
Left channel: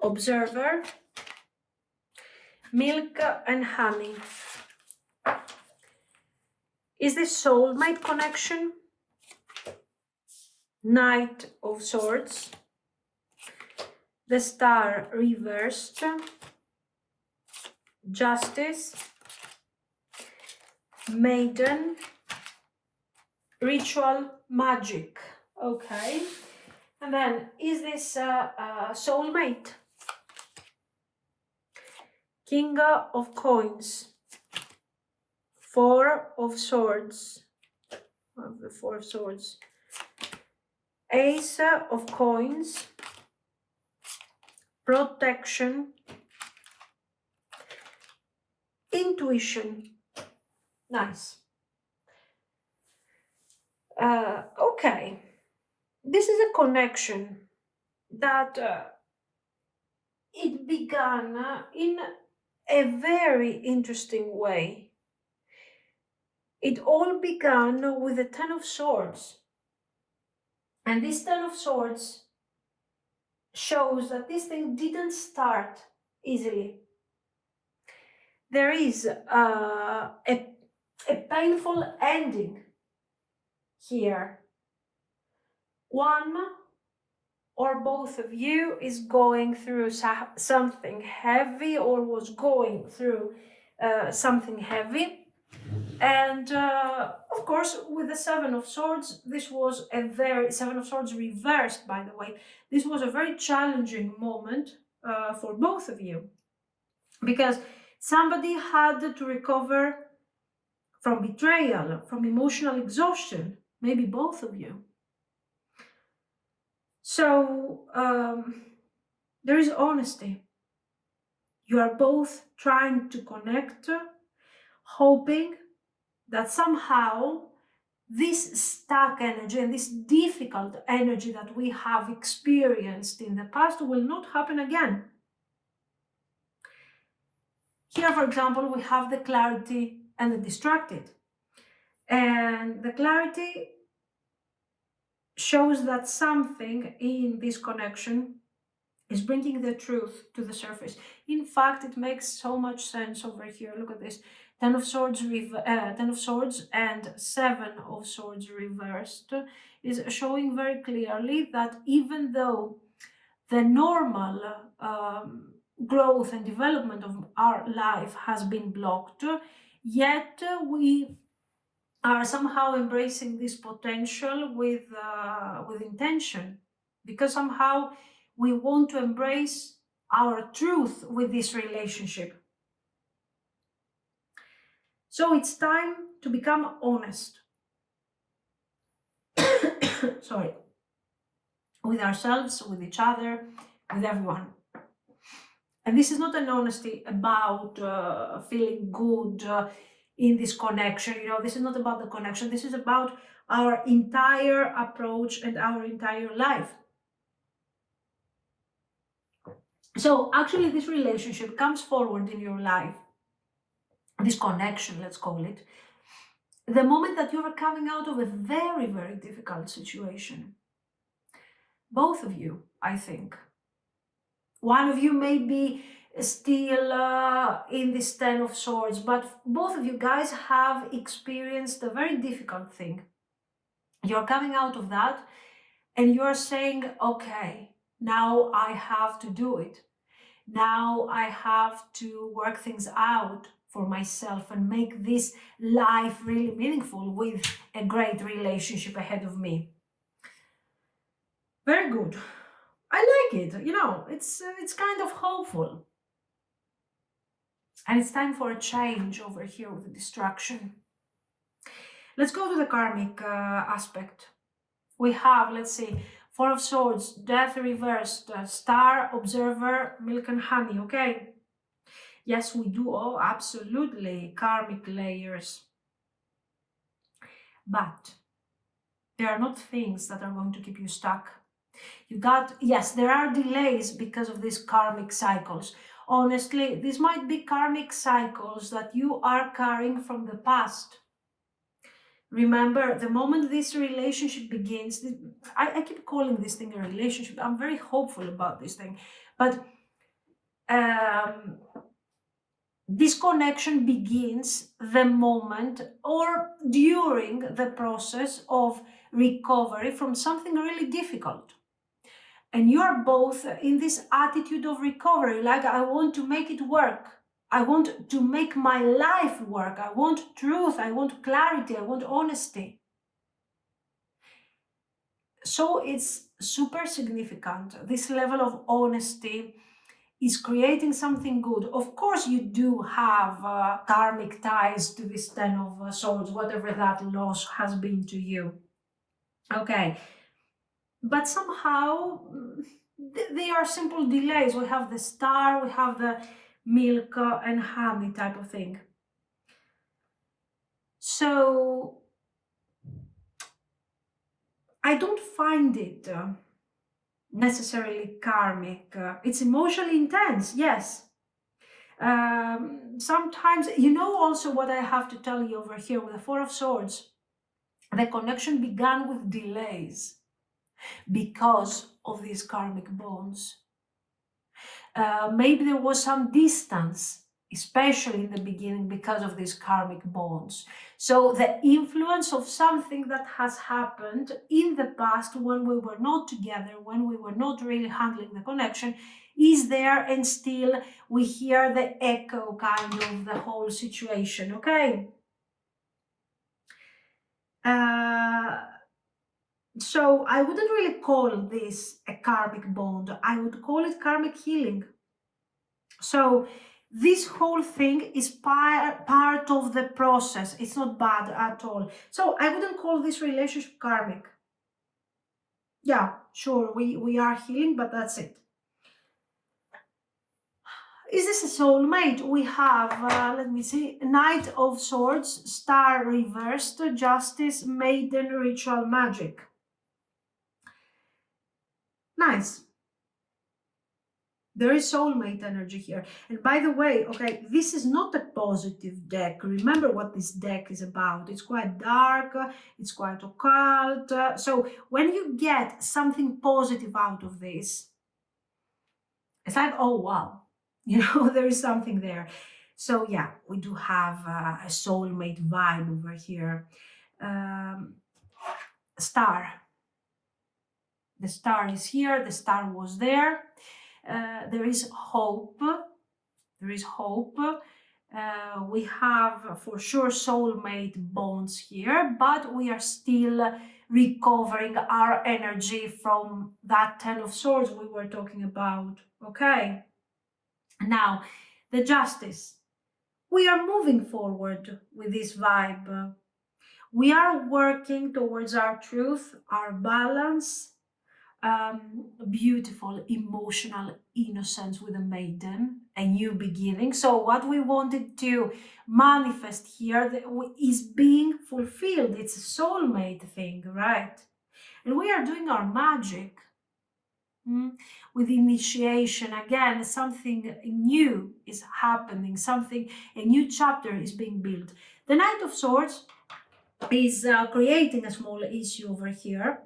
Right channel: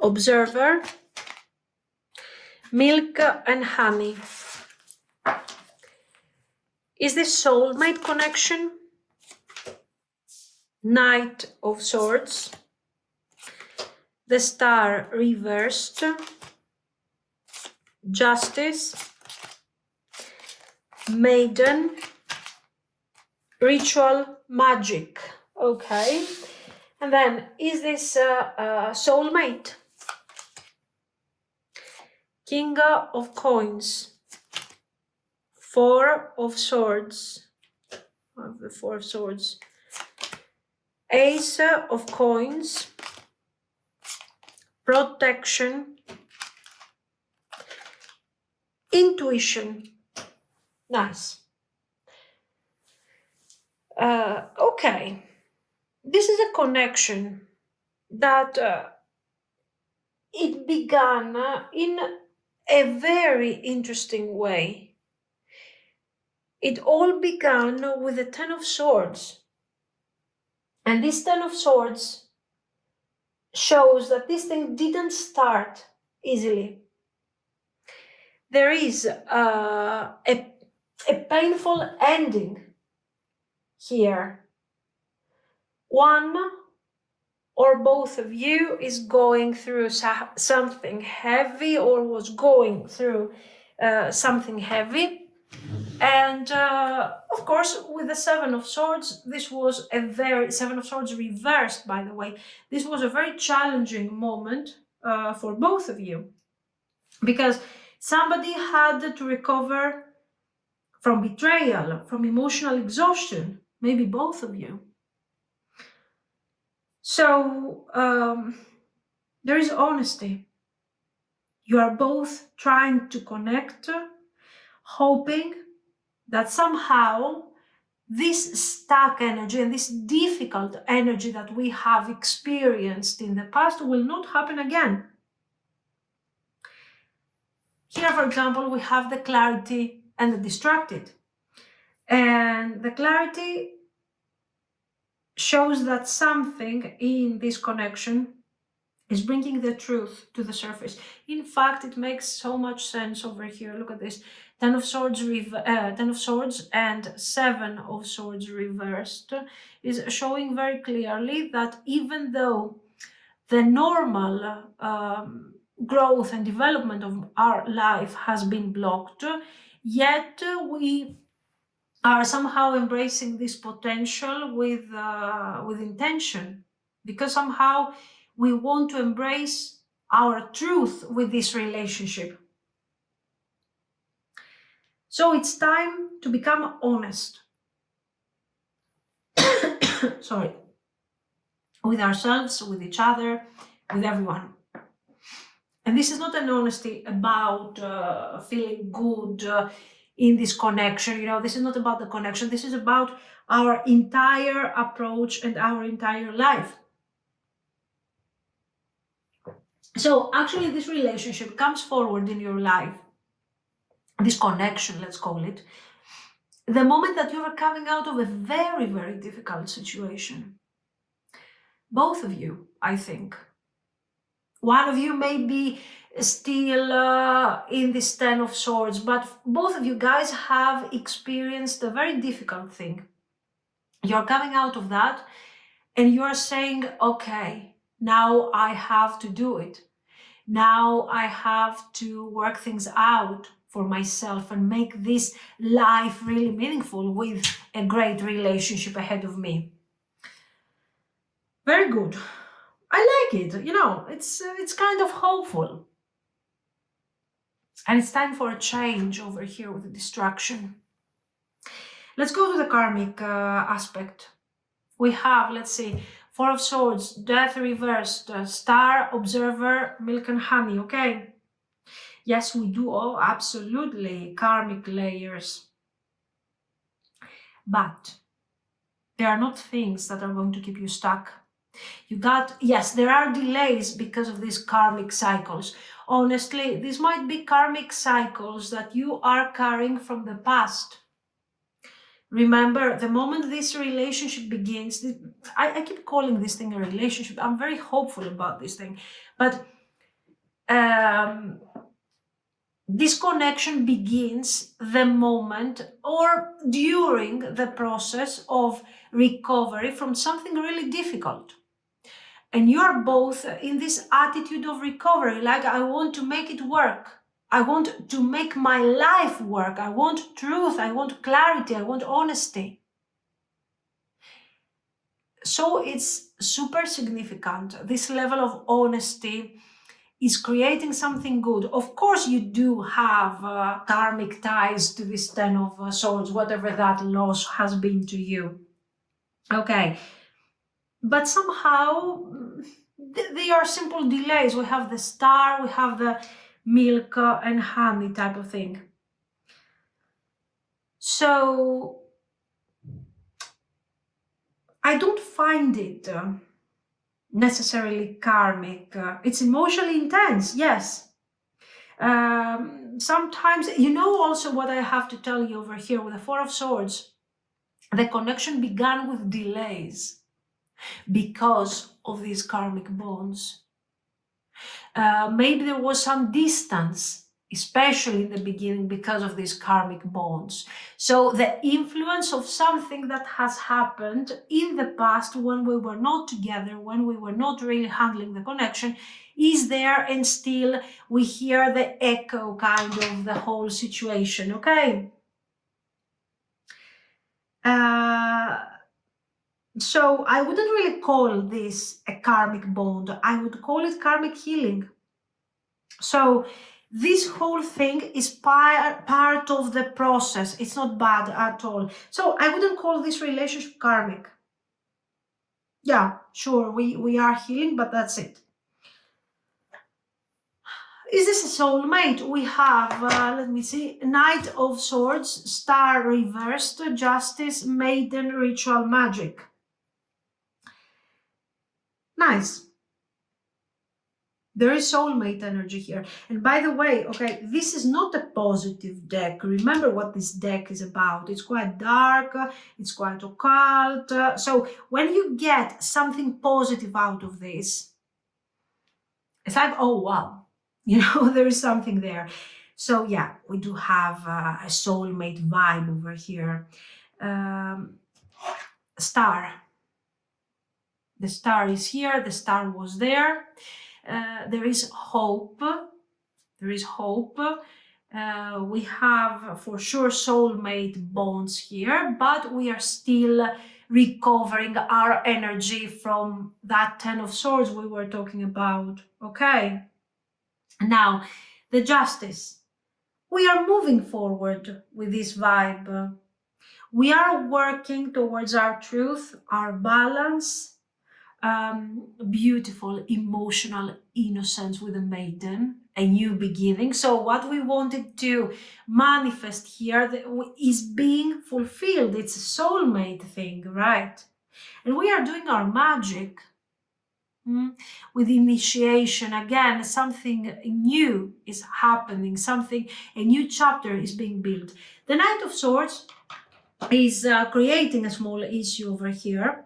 Observer. Milk and honey. Is this soulmate connection? Knight of Swords. The Star reversed. Justice. Maiden. Ritual magic. Okay. And then, is this soulmate? King of Coins. 4 of Swords. The 4 of Swords. Ace of Coins. Protection. Intuition. Nice. Okay. This is a connection that it began in a very interesting way. It all began with the 10 of Swords. And this 10 of Swords shows that this thing didn't start easily. There is a painful ending here. One or both of you is going through something heavy or was going through something heavy. And of course, with the 7 of Swords, this was a very, 7 of Swords reversed, by the way, this was a very challenging moment for both of you. Because somebody had to recover from betrayal, from emotional exhaustion, maybe both of you. So there is honesty. You are both trying to connect, hoping that somehow this stuck energy and this difficult energy that we have experienced in the past will not happen again. Here, for example, we have the clarity and the distracted. And the clarity shows that something in this connection is bringing the truth to the surface. In fact, it makes so much sense over here. Look at this. 10 of Swords, 10 of Swords and 7 of Swords reversed is showing very clearly that even though the normal growth and development of our life has been blocked, yet we are somehow embracing this potential with intention, because somehow we want to embrace our truth with this relationship. So it's time to become honest. Sorry. With ourselves, with each other, with everyone. And this is not an honesty about feeling good in this connection. You know, this is not about the connection. This is about our entire approach and our entire life. So actually this relationship comes forward in your life, this connection, let's call it, the moment that you are coming out of a very, very difficult situation. Both of you, I think. One of you may be still in this Ten of Swords, but both of you guys have experienced a very difficult thing. You're coming out of that and you're saying, okay, now I have to do it. Now I have to work things out for myself and make this life really meaningful with a great relationship ahead of me. Very good. I like it. You know, it's kind of hopeful. And it's time for a change over here with the destruction. Let's go to the karmic aspect. We have, let's see, Four of Swords, Death reversed, Star, Observer, Milk and Honey, okay? Yes, we do, oh, absolutely, karmic layers. But there are not things that are going to keep you stuck. You got, yes, there are delays because of these karmic cycles. Honestly, these might be karmic cycles that you are carrying from the past. Remember, the moment this relationship begins, I keep calling this thing a relationship. I'm very hopeful about this thing. But this connection begins the moment or during the process of recovery from something really difficult. And you are both in this attitude of recovery, like I want to make it work. I want to make my life work. I want truth. I want clarity. I want honesty. So it's super significant. This level of honesty is creating something good. Of course, you do have karmic ties to this Ten of Swords, whatever that loss has been to you. Okay. But somehow they are simple delays. We have the Star, we have the Milk and Honey type of thing. So I don't find it necessarily karmic. It's emotionally intense, yes. Sometimes, you know, also what I have to tell you over here with the Four of Swords, the connection began with delays because of these karmic bonds. Maybe there was some distance, especially in the beginning, because of these karmic bonds. So the influence of something that has happened in the past when we were not together, when we were not really handling the connection, is there, and still we hear the echo kind of the whole situation, okay? So I wouldn't really call this a karmic bond. I would call it karmic healing. So this whole thing is part of the process. It's not bad at all. So I wouldn't call this relationship karmic. Yeah, sure, we are healing, but that's it. Is this a soulmate? We have, let me see, Knight of Swords, Star reversed, Justice, Maiden, Ritual, Magic. Nice. There is soulmate energy here. And by the way, okay, this is not a positive deck. Remember what this deck is about. It's quite dark, it's quite occult. So when you get something positive out of this, it's like, oh, wow, you know, there is something there. So yeah, we do have a soulmate vibe over here. Star. The Star is here. The Star was there. There is hope. There is hope. We have for sure soulmate bonds here, but we are still recovering our energy from that Ten of Swords we were talking about. Okay. Now, the Justice. We are moving forward with this vibe. We are working towards our truth, our balance, beautiful emotional innocence with a maiden, a new beginning. So what we wanted to manifest here is being fulfilled. It's a soulmate thing, right? And we are doing our magic with initiation. Again, something new is happening, a new chapter is being built. The Knight of Swords is creating a small issue over here,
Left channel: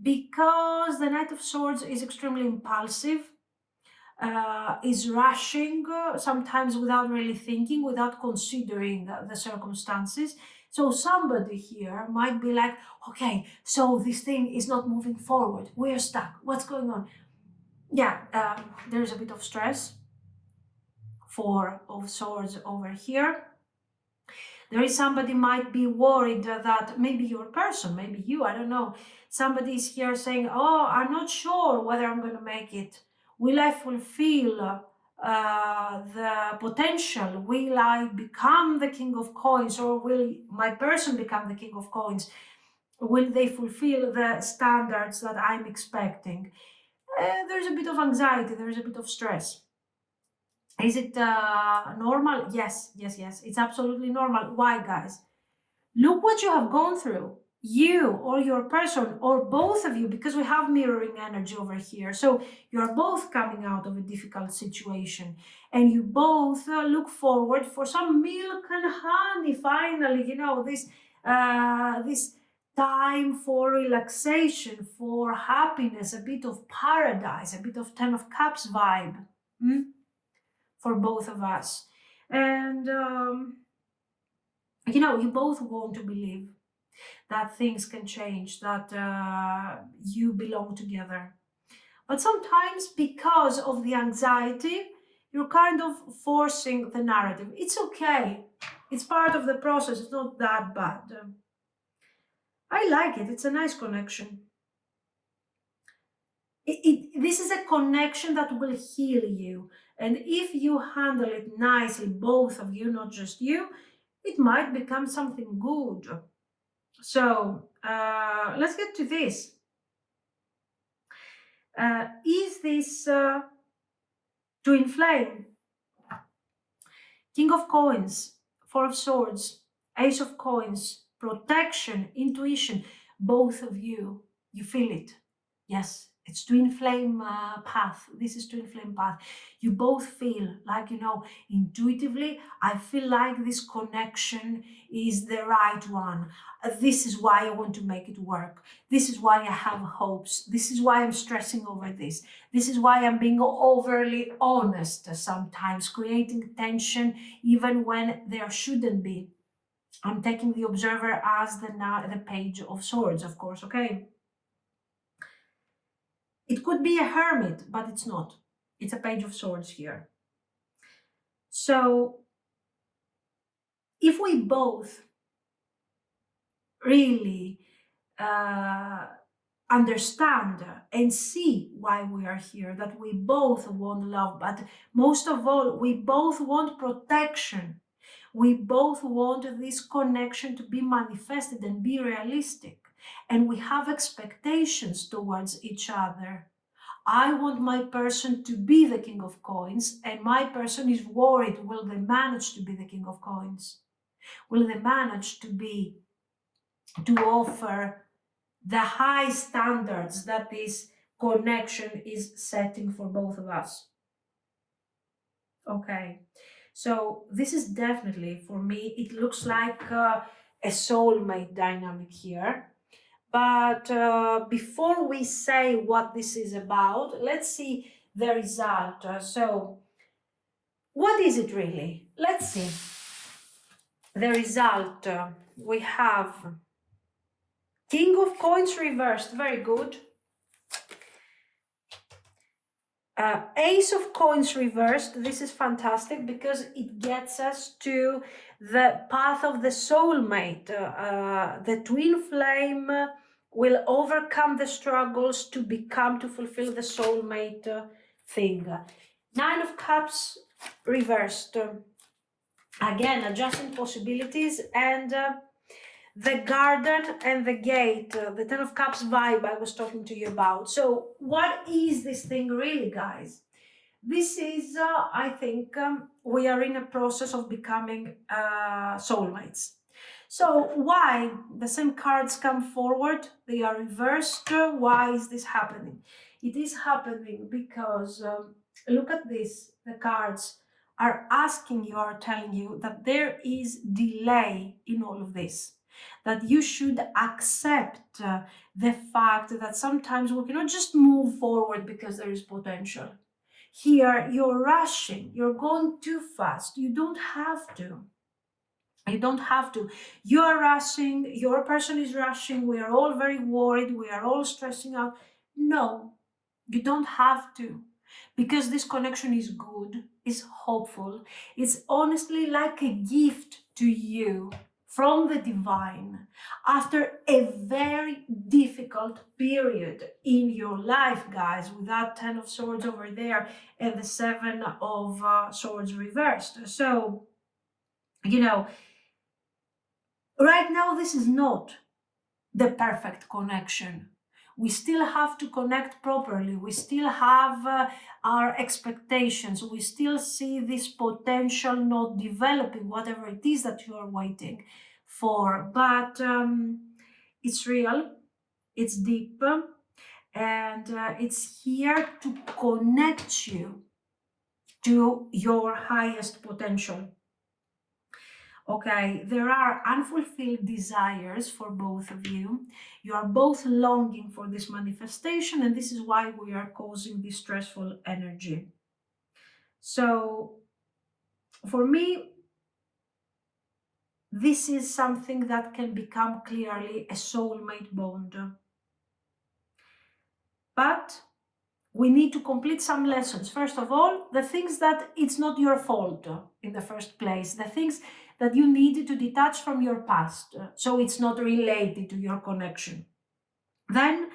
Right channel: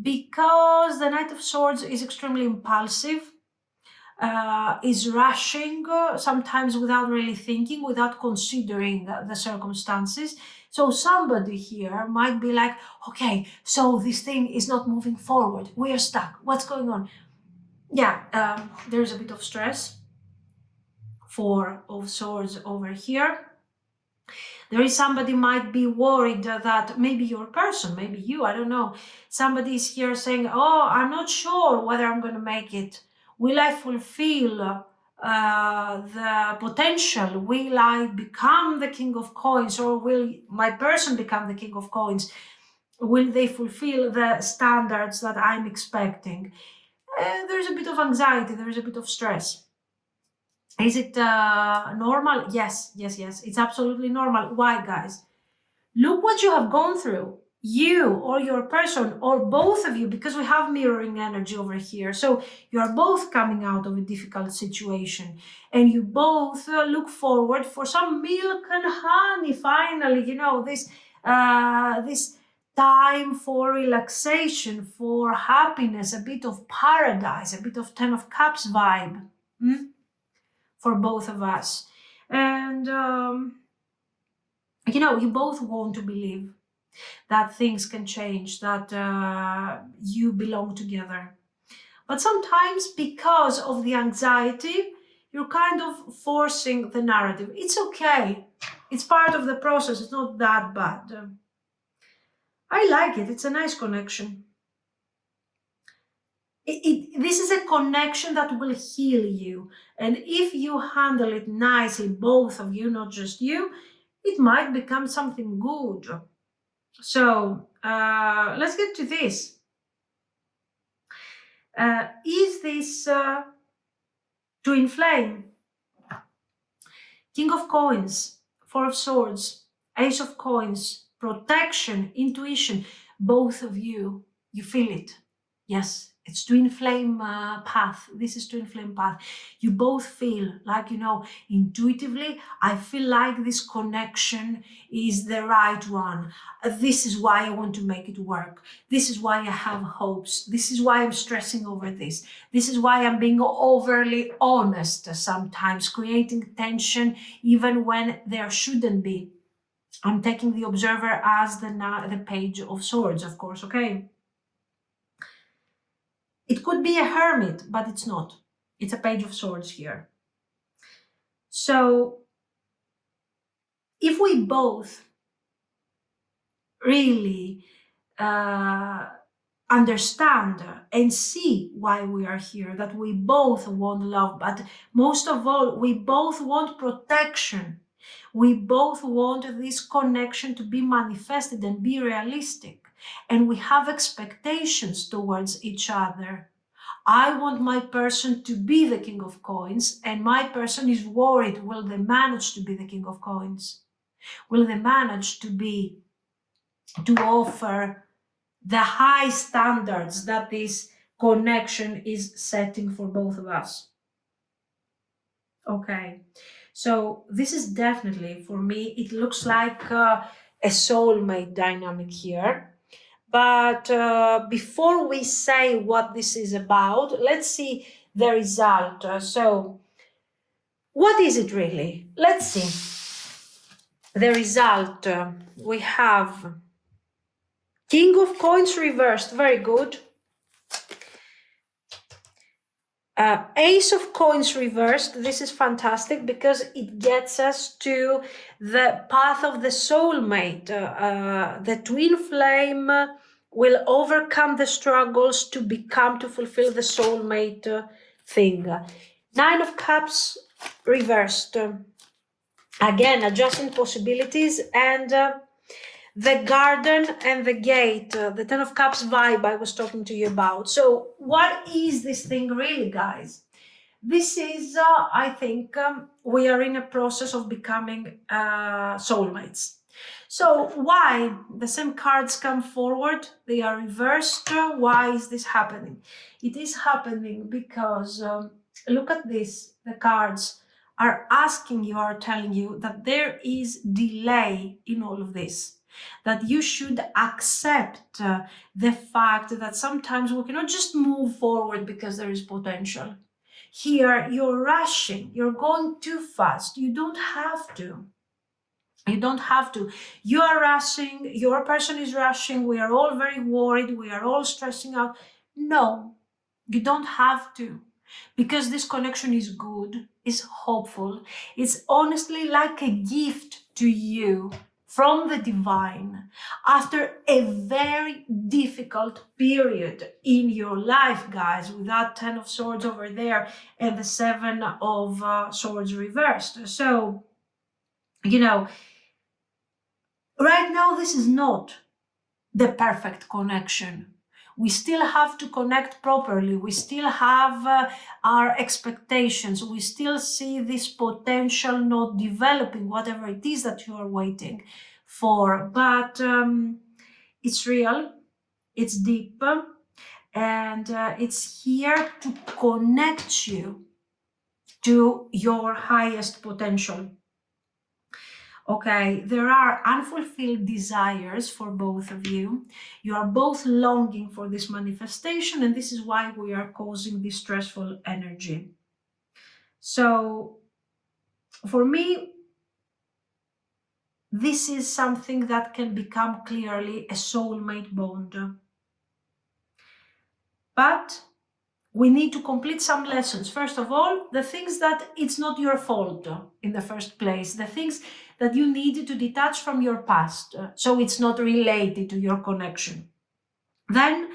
because the Knight of Swords is extremely impulsive. is rushing, sometimes without really thinking, without considering the circumstances. So somebody here might be like, okay, so this thing is not moving forward. We're stuck. What's going on? Yeah, there's a bit of stress. Four of Swords over here. There is somebody might be worried that maybe your person, maybe you, I don't know. Somebody is here saying, oh, I'm not sure whether I'm going to make it. Will I fulfill the potential? Will I become the king of coins, or will my person become the king of coins? Will they fulfill the standards that I'm expecting? There's a bit of anxiety, there is a bit of stress. Is it normal? Yes. It's absolutely normal. Why, guys? Look what you have gone through. You or your person or both of you, because we have mirroring energy over here. So you are both coming out of a difficult situation and you both look forward for some milk and honey. Finally, this time for relaxation, for happiness, a bit of paradise, a bit of Ten of Cups vibe. For both of us. And, you both want to believe that things can change, that you belong together. But sometimes, because of the anxiety, you're kind of forcing the narrative. It's okay. It's part of the process. It's not that bad. I like it. It's a nice connection. This is a connection that will heal you. And if you handle it nicely, both of you, not just you, it might become something good. So let's get to this. Is this twin flame? King of coins, Four of swords, Ace of coins, protection, intuition. Both of you feel it. Yes, it's twin flame path. This is twin flame path. You both feel like, intuitively, I feel like this connection is the right one. This is why I want to make it work. This is why I have hopes. This is why I'm stressing over this. This is why I'm being overly honest sometimes, creating tension even when there shouldn't be. I'm taking the observer as the page of swords, of course, okay? It could be a hermit, but it's not. It's a page of swords here. So if we both really understand and see why we are here, that we both want love, but most of all, we both want protection. We both want this connection to be manifested and be realistic. And we have expectations towards each other. I want my person to be the king of coins, and my person is worried, will they manage to be the king of coins? Will they manage to offer the high standards that this connection is setting for both of us? Okay, so this is definitely, for me, it looks like a soulmate dynamic here. But before we say what this is about, let's see the result. So what is it really? Let's see. The result, we have King of Coins reversed, very good. Ace of Coins reversed, this is fantastic because it gets us to the path of the soulmate. The twin flame will overcome the struggles to fulfill the soulmate thing. Nine of Cups reversed. Again, adjusting possibilities, and the garden and the gate, the Ten of Cups vibe I was talking to you about. So what is this thing really, guys? This is, I think, we are in a process of becoming soulmates. So why the same cards come forward? They are reversed. Why is this happening? It is happening because, look at this, the cards are asking you, are telling you that there is delay in all of this. That you should accept the fact that sometimes we cannot just move forward because there is potential. here you're rushing, you're going too fast. You don't have to. You don't have to. You are rushing, your person is rushing, we are all very worried, we are all stressing out. No, you don't have to. Because this connection is good, is hopeful, it's honestly like a gift to you from the divine after a very difficult period in your life, guys, with that 10 of Swords over there and the 7 of Swords reversed. So, you know, right now, this is not the perfect connection. We still have to connect properly. We still have our expectations. We still see this potential not developing, whatever it is that you are waiting for. But it's real, it's deep, and it's here to connect you to your highest potential. Okay, there are unfulfilled desires for both of you. You are both longing for this manifestation, and this is why we are causing this stressful energy. So, for me, this is something that can become clearly a soulmate bond. But we need to complete some lessons. First of all, the things that it's not your fault in the first place, the things that you need to detach from your past, so it's not related to your connection. Then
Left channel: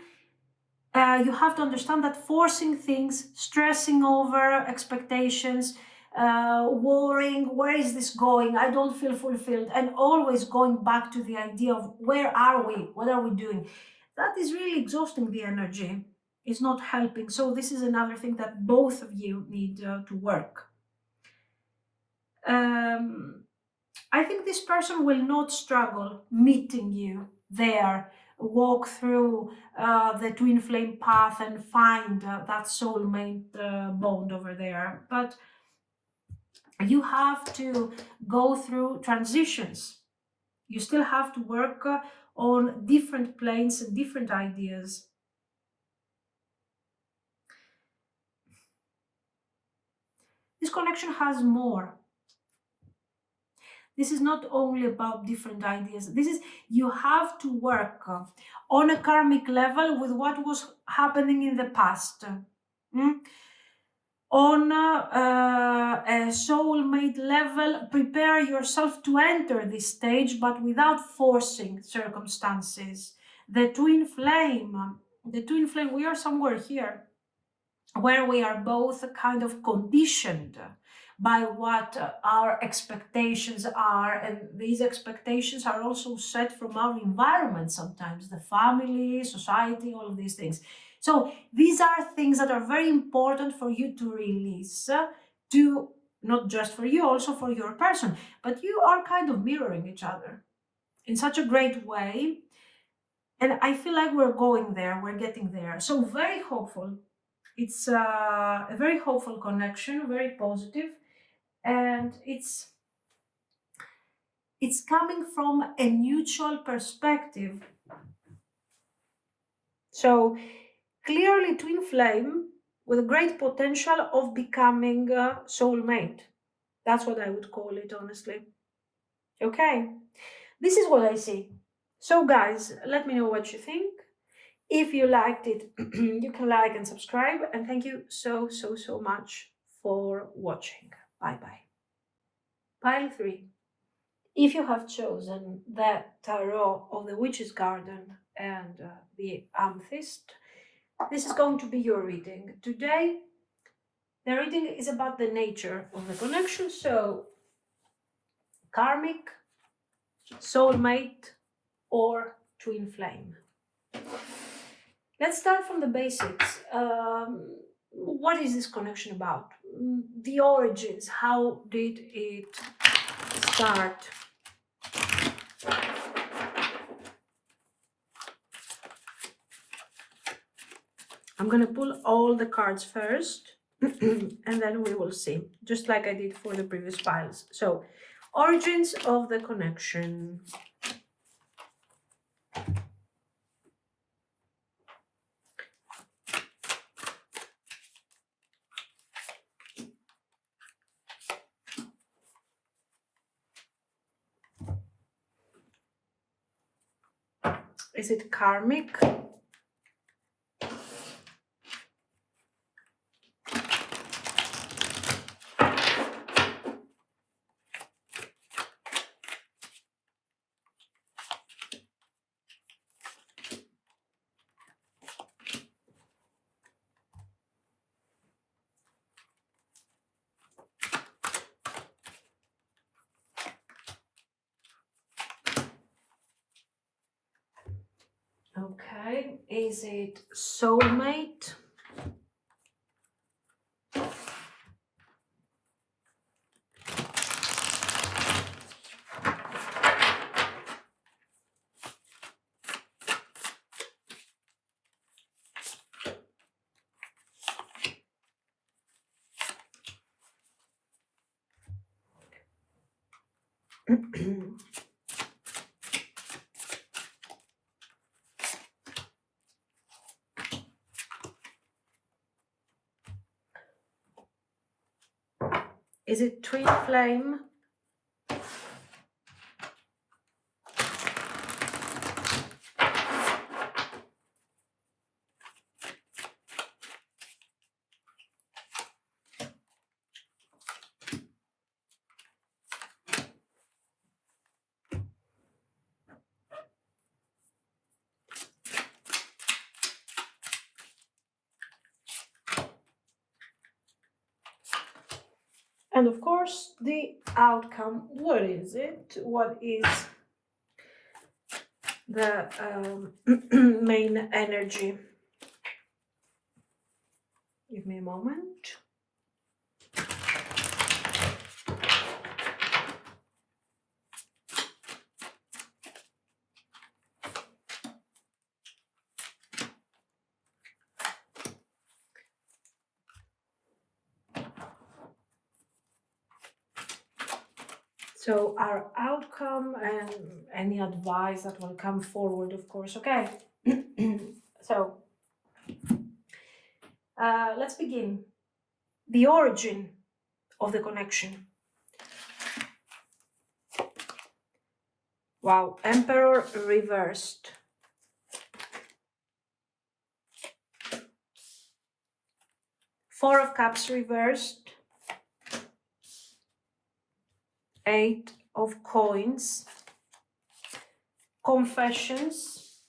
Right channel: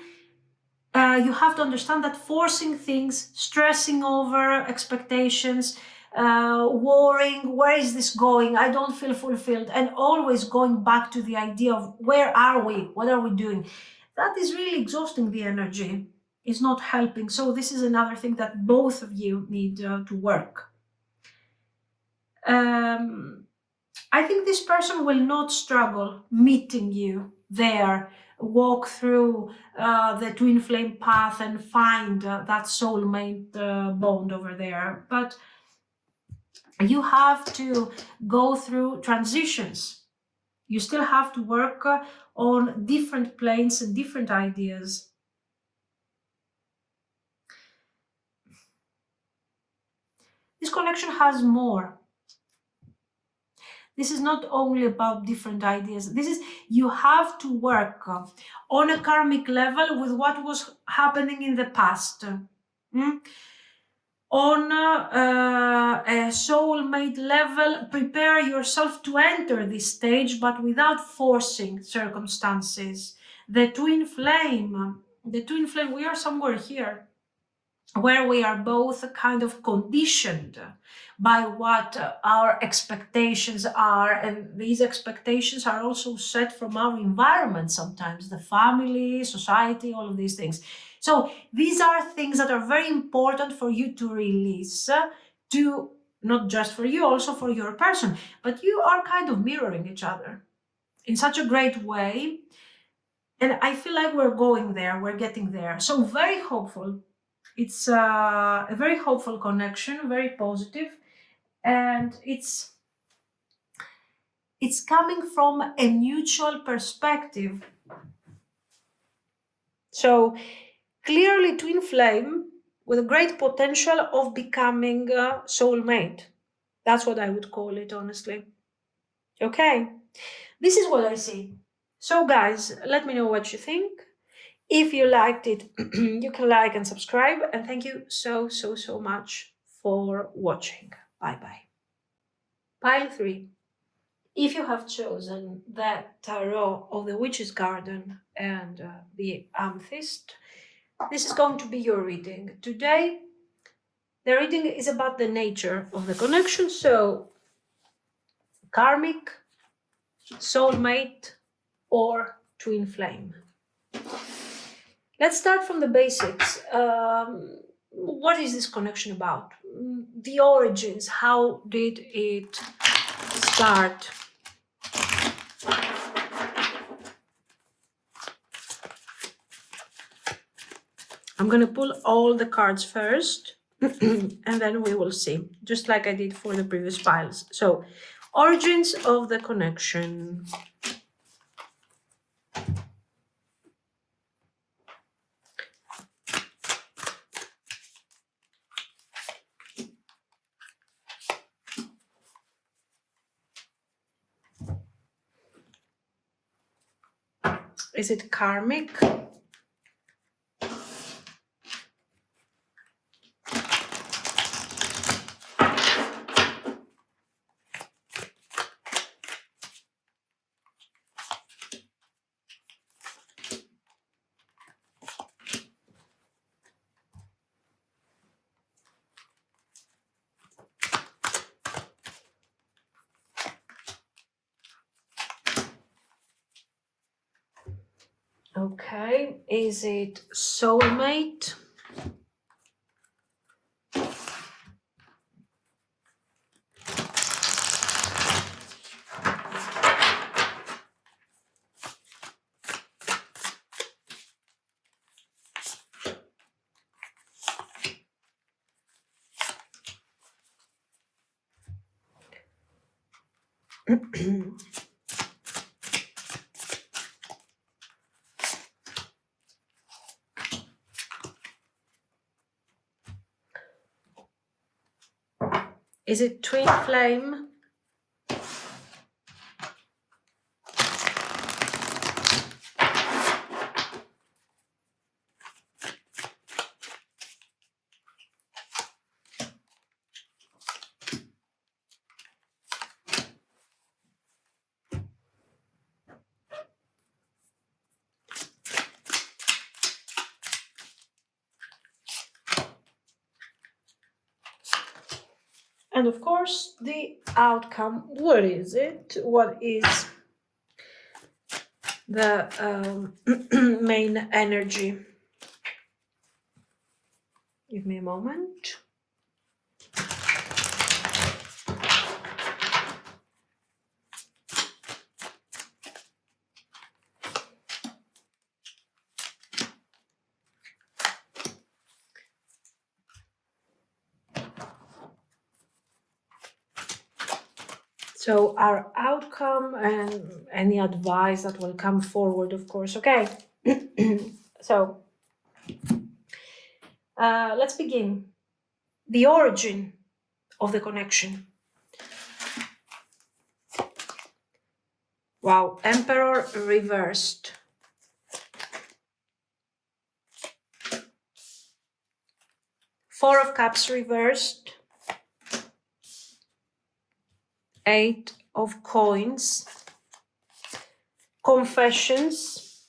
you have to understand that forcing things, stressing over expectations, worrying, where is this going? I don't feel fulfilled, and always going back to the idea of where are we? What are we doing? That is really exhausting the energy. It's not helping. So this is another thing that both of you need to work. I think this person will not struggle meeting you there, walk through the twin flame path and find that soulmate bond over there. But you have to go through transitions. You still have to work on different planes and different ideas. This connection has more. This is not only about different ideas. This is, you have to work on a karmic level with what was happening in the past. On a soulmate level, prepare yourself to enter this stage, but without forcing circumstances. The twin flame, we are somewhere here where we are both kind of conditioned by what our expectations are, and these expectations are also set from our environment sometimes, the family, society, all of these things. So these are things that are very important for you to release, to not just for you, also for your person, but you are kind of mirroring each other in such a great way. And I feel like we're going there, we're getting there. So very hopeful. It's a very hopeful connection, very positive, and it's coming from a mutual perspective. So clearly twin flame with a great potential of becoming a soulmate. That's what I would call it, honestly. Okay, this is what I see. So guys, let me know what you think. If you liked it, you can like and subscribe. And thank you so much for watching. Bye-bye. Pile 3. If you have chosen the Tarot of the Witch's Garden and the Amethyst, this is going to be your reading. Today, the reading is about the nature of the connection. So, karmic, soulmate, or twin flame. Let's start from the basics. What is this connection about? The origins. How did it start? I'm going to pull all the cards first, and then we will see, just like I did for the previous piles. So, origins of the connection. Is it karmic? Okay, is it soulmate? Is it twin flame? And of course, the outcome. What is it? What is the main energy? Give me a moment. So our outcome and any advice that will come forward, of course. Okay. So let's begin. The origin of the connection. Wow, Emperor reversed. Four of Cups reversed. Eight of Coins. Confessions.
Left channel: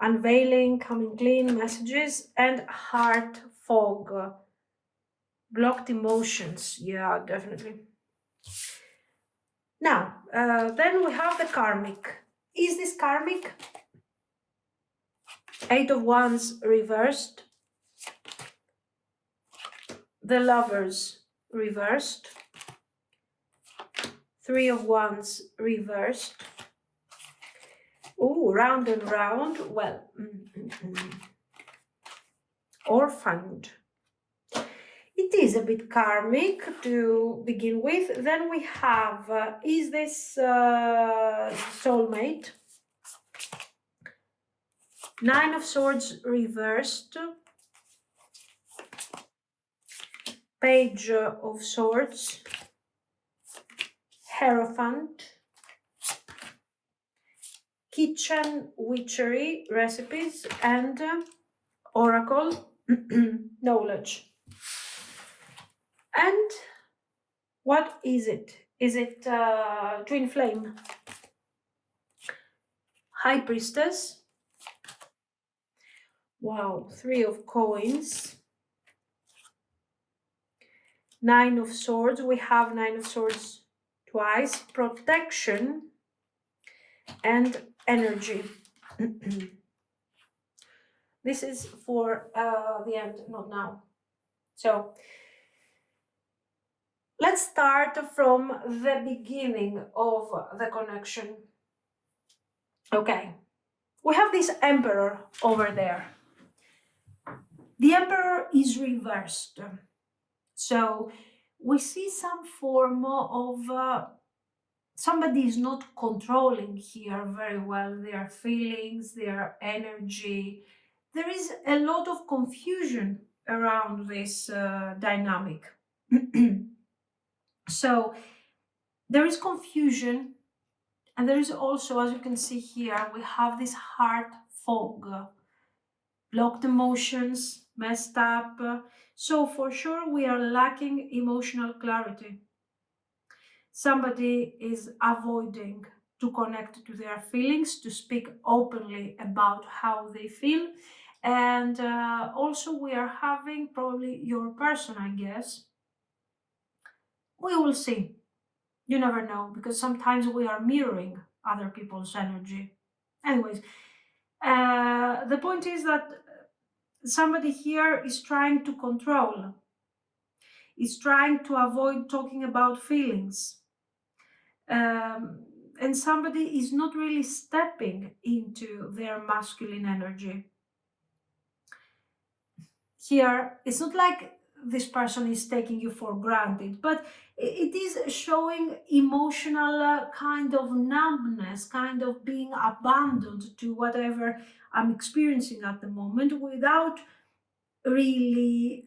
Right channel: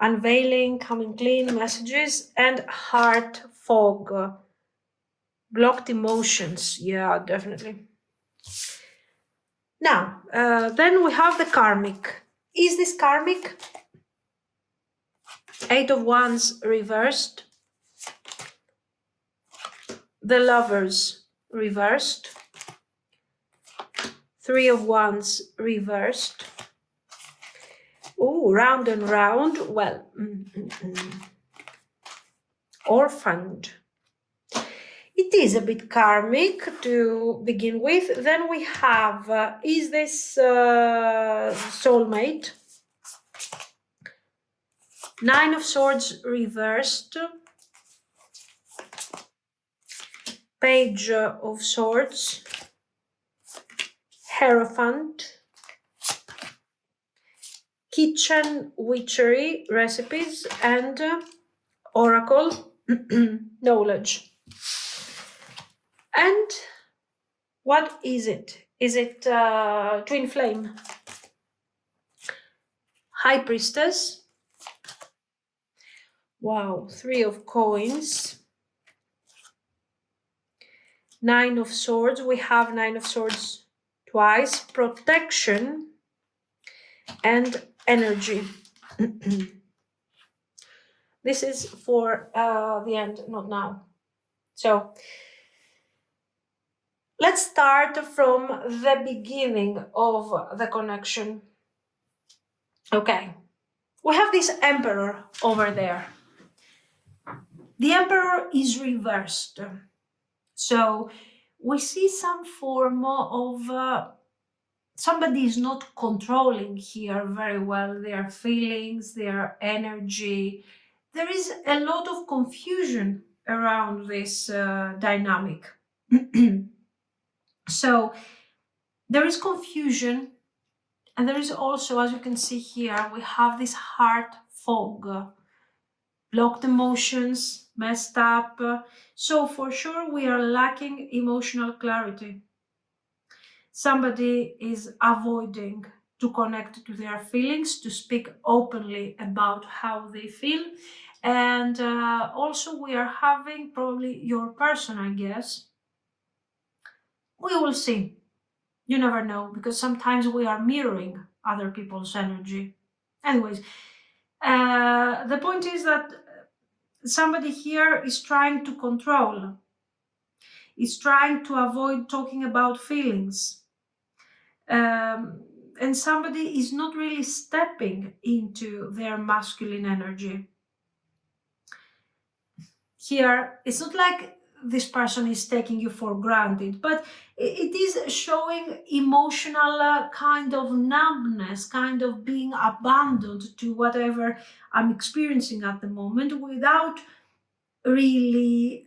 Unveiling, coming clean, messages, and heart fog. Blocked emotions. Yeah, definitely. Now, then we have the karmic. Is this karmic? Eight of Wands reversed. The Lovers reversed. Three of Wands reversed. Oh, round and round. Well, orphaned. It is a bit karmic to begin with. Then we have, is this soulmate? Nine of Swords reversed. Page of Swords. Hierophant. Kitchen witchery recipes and oracle knowledge. And what is it? Is it twin flame? High priestess. Wow, Three of Coins. Nine of Swords. We have Nine of Swords twice. Protection and energy. This is for the end, not now. So let's start from the beginning of the connection. Okay, we have this Emperor over there. The Emperor is reversed. So we see some form of somebody is not controlling here very well their feelings, their energy. There is a lot of confusion around this dynamic. So there is confusion, And there is also, as you can see here, we have this heart fog, blocked emotions, messed up. So for sure, we are lacking emotional clarity. Somebody is avoiding to connect to their feelings, to speak openly about how they feel. And also we are having probably your person, I guess. We will see. You never know, because sometimes we are mirroring other people's energy. Anyways, the point is that somebody here is trying to control, is trying to avoid talking about feelings. And somebody is not really stepping into their masculine energy. Here, it's not like this person is taking you for granted, but it is showing emotional kind of numbness, kind of being abandoned to whatever I'm experiencing at the moment without really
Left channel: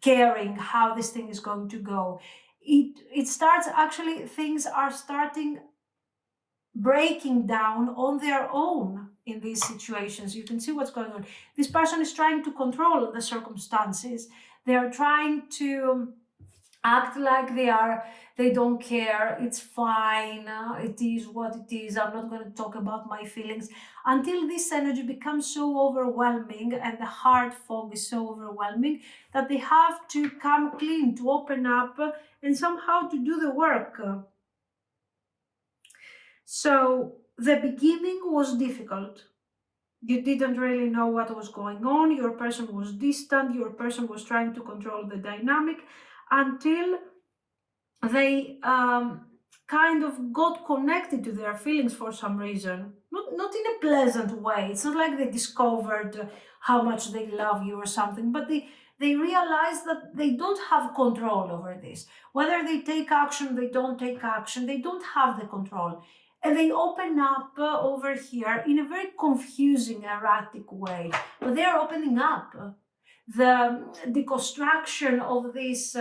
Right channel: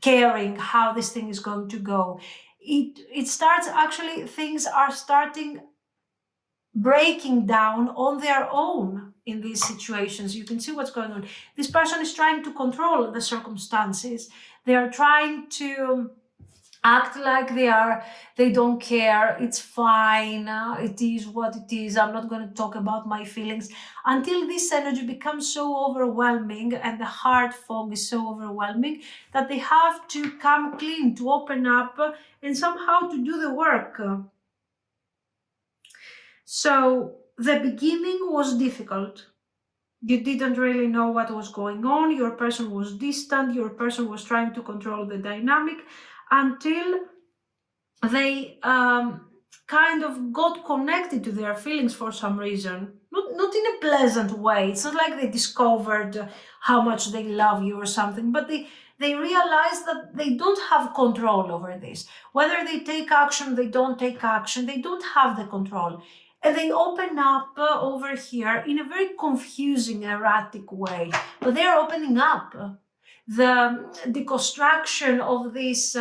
caring how this thing is going to go. It starts, actually things are starting breaking down on their own in these situations. You can see what's going on. This person is trying to control the circumstances. They are trying to act like they don't care, it's fine, it is what it is, I'm not going to talk about my feelings, until this energy becomes so overwhelming and the heart fog is so overwhelming that they have to come clean, to open up, and somehow to do the work. So the beginning was difficult. You didn't really know what was going on. Your person was distant. Your person was trying to control the dynamic until they kind of got connected to their feelings for some reason. Not in a pleasant way. It's not like they discovered how much they love you or something, but they realize that they don't have control over this. Whether they take action, they don't take action, they don't have the control. And they open up over here in a very confusing, erratic way. But they're opening up. The deconstruction of this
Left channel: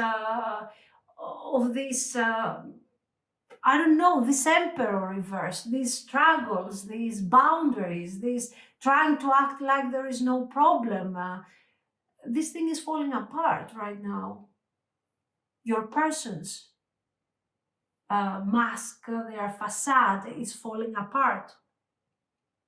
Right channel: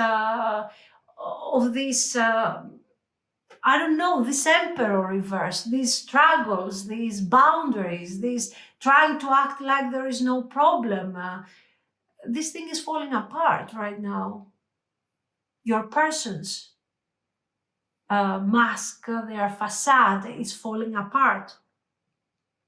I don't know, this emperor reverse, these struggles, these boundaries, this trying to act like there is no problem. This thing is falling apart right now. Your person's mask, their facade is falling apart.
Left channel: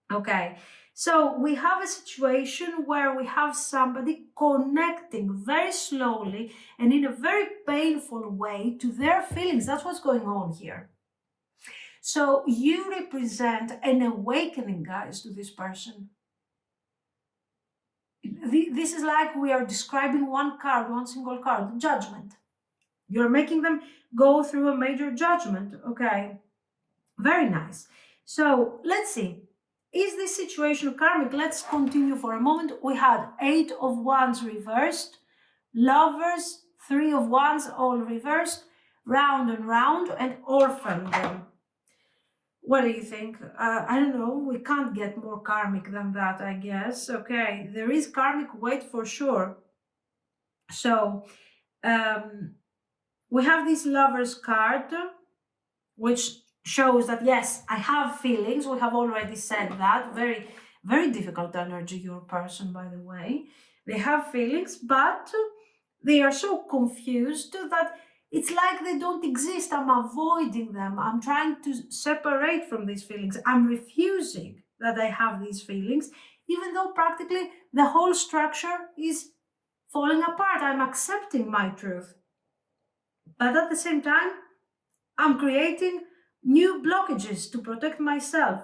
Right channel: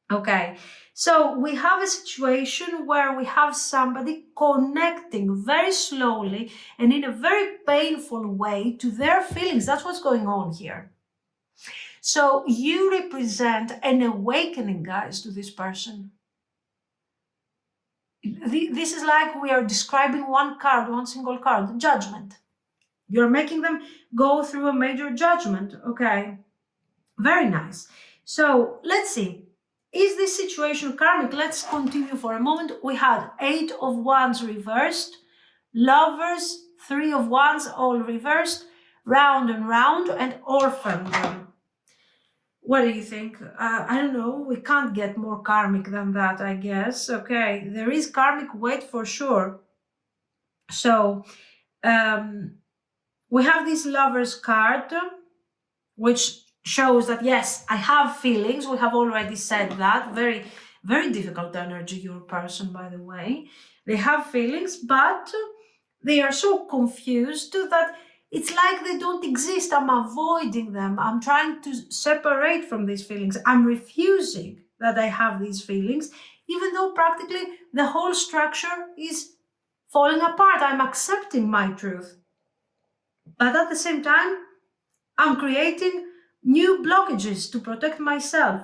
Okay, so we have a situation where we have somebody connecting very slowly and in a very painful way to their feelings. That's what's going on here. So you represent an awakening, guys, to this person. This is like we are describing one card, one single card, judgment. You're making them go through a major judgment. Okay, very nice. So let's see. Is this situation karmic? Let's continue for a moment. We had 8 of Wands reversed, Lovers, 3 of Wands all reversed, round and round, and orphaned. What do you think? I don't know. We can't get more karmic than that, I guess. Okay, there is karmic weight for sure. So we have this Lovers card, which shows that yes, I have feelings. We have already said that. Very, very difficult energy, your person, by the way. They have feelings, but they are so confused that it's like they don't exist. I'm avoiding them. I'm trying to separate from these feelings. I'm refusing that I have these feelings, even though practically the whole structure is falling apart. I'm accepting my truth. But at the same time, I'm creating new blockages to protect myself.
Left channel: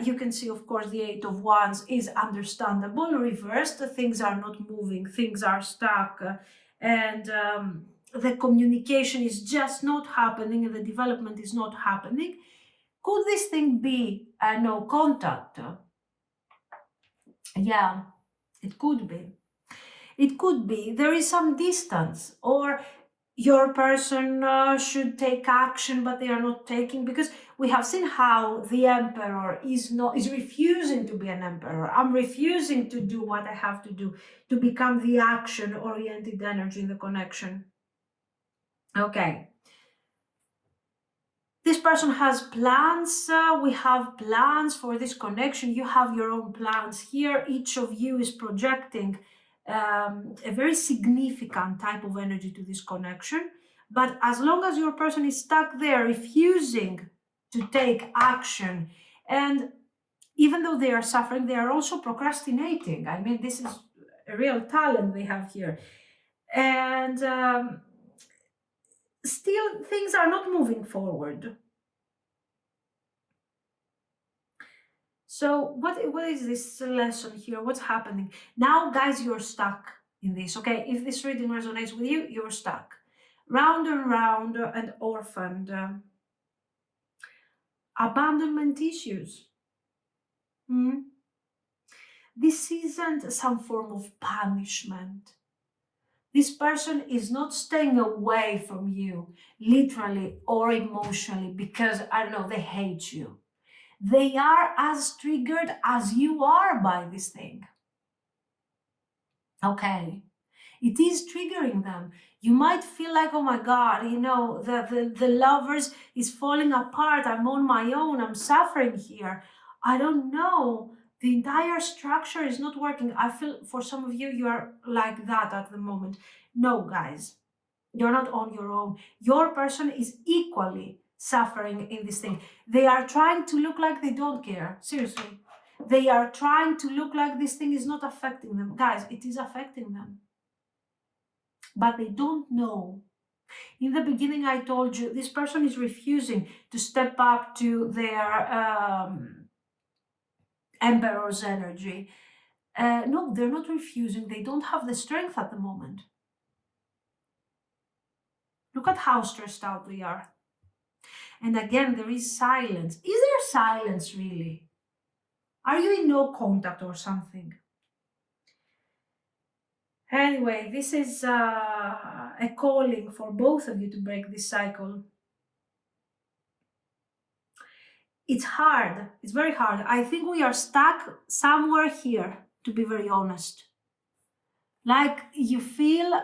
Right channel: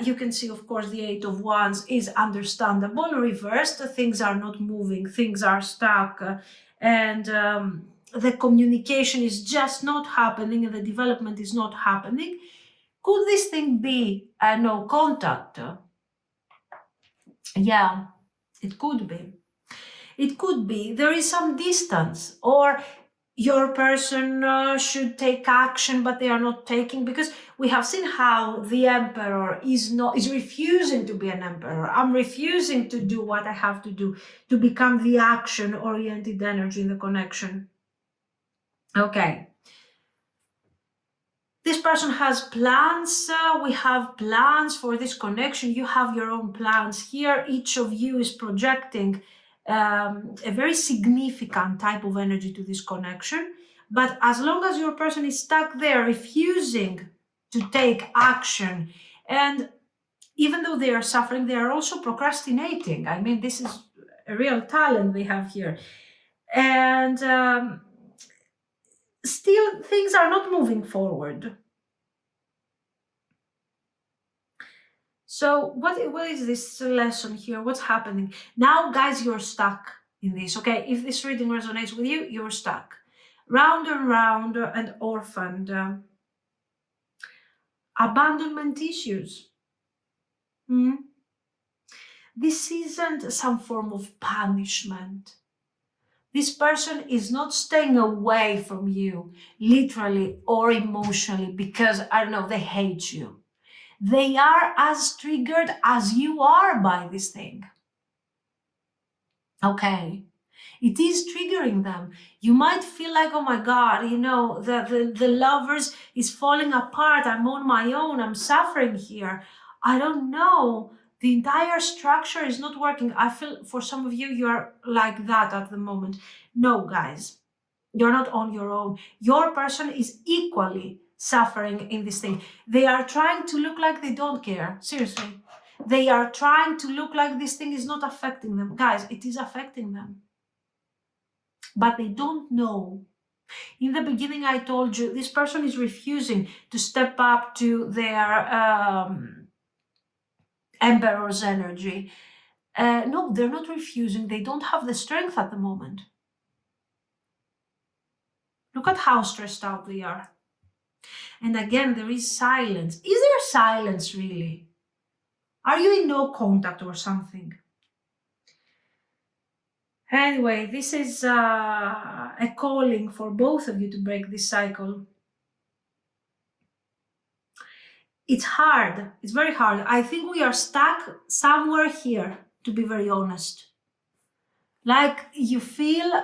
You can see, of course, the 8 of Wands is understandable. Reversed, things are not moving, things are stuck, and the communication is just not happening, and the development is not happening. Could this thing be no contact? Yeah, it could be. It could be there is some distance, or your person should take action, but they are not taking, because we have seen how the emperor is refusing to be an emperor. I'm refusing to do what I have to do to become the action-oriented energy in the connection. Okay. This person has plans. We have plans for this connection. You have your own plans here. Each of you is projecting a very significant type of energy to this connection. But as long as your person is stuck there, refusing to take action, and even though they are suffering, they are also procrastinating. I mean, this is a real talent they have here. And still, things are not moving forward. So what is this lesson here? What's happening? Now, guys, you're stuck in this, okay? If this reading resonates with you, you're stuck. Round and round and orphaned. Abandonment issues. This isn't some form of punishment. This person is not staying away from you, literally or emotionally, because, I don't know, they hate you. They are as triggered as you are by this thing. Okay. It is triggering them. You might feel like, oh my God, you know, the lovers is falling apart. I'm on my own. I'm suffering here. I don't know. The entire structure is not working. I feel for some of you, you are like that at the moment. No, guys, you're not on your own. Your person is equally suffering in this thing. They are trying to look like they don't care. Seriously. They are trying to look like this thing is not affecting them. Guys, it is affecting them. But they don't know. In the beginning, I told you this person is refusing to step up to their emperor's energy. No, they're not refusing. They don't have the strength at the moment. Look at how stressed out they are. And again, there is silence. Is there silence really? Are you in no contact or something? Anyway, this is a calling for both of you to break this cycle. It's hard. It's very hard. I think we are stuck somewhere here, to be very honest. Like you feel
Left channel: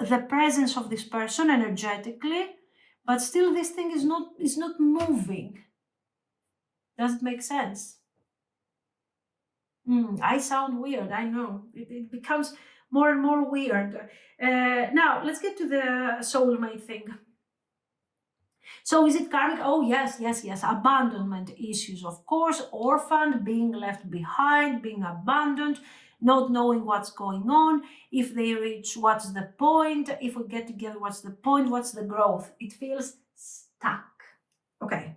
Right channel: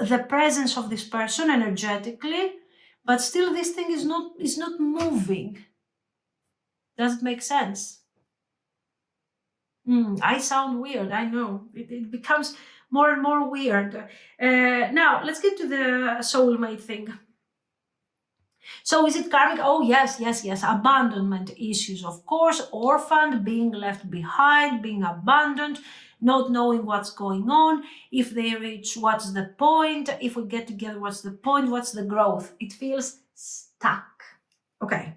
the presence of this person energetically, but still this thing is not moving. Does it make sense? I sound weird, I know. It becomes more and more weird. Now, let's get to the soulmate thing. So is it karmic? Oh, yes. Abandonment issues, of course. Orphaned, being left behind, being abandoned, not knowing what's going on. If they reach, what's the point? If we get together, what's the point? What's the growth? It feels stuck. Okay.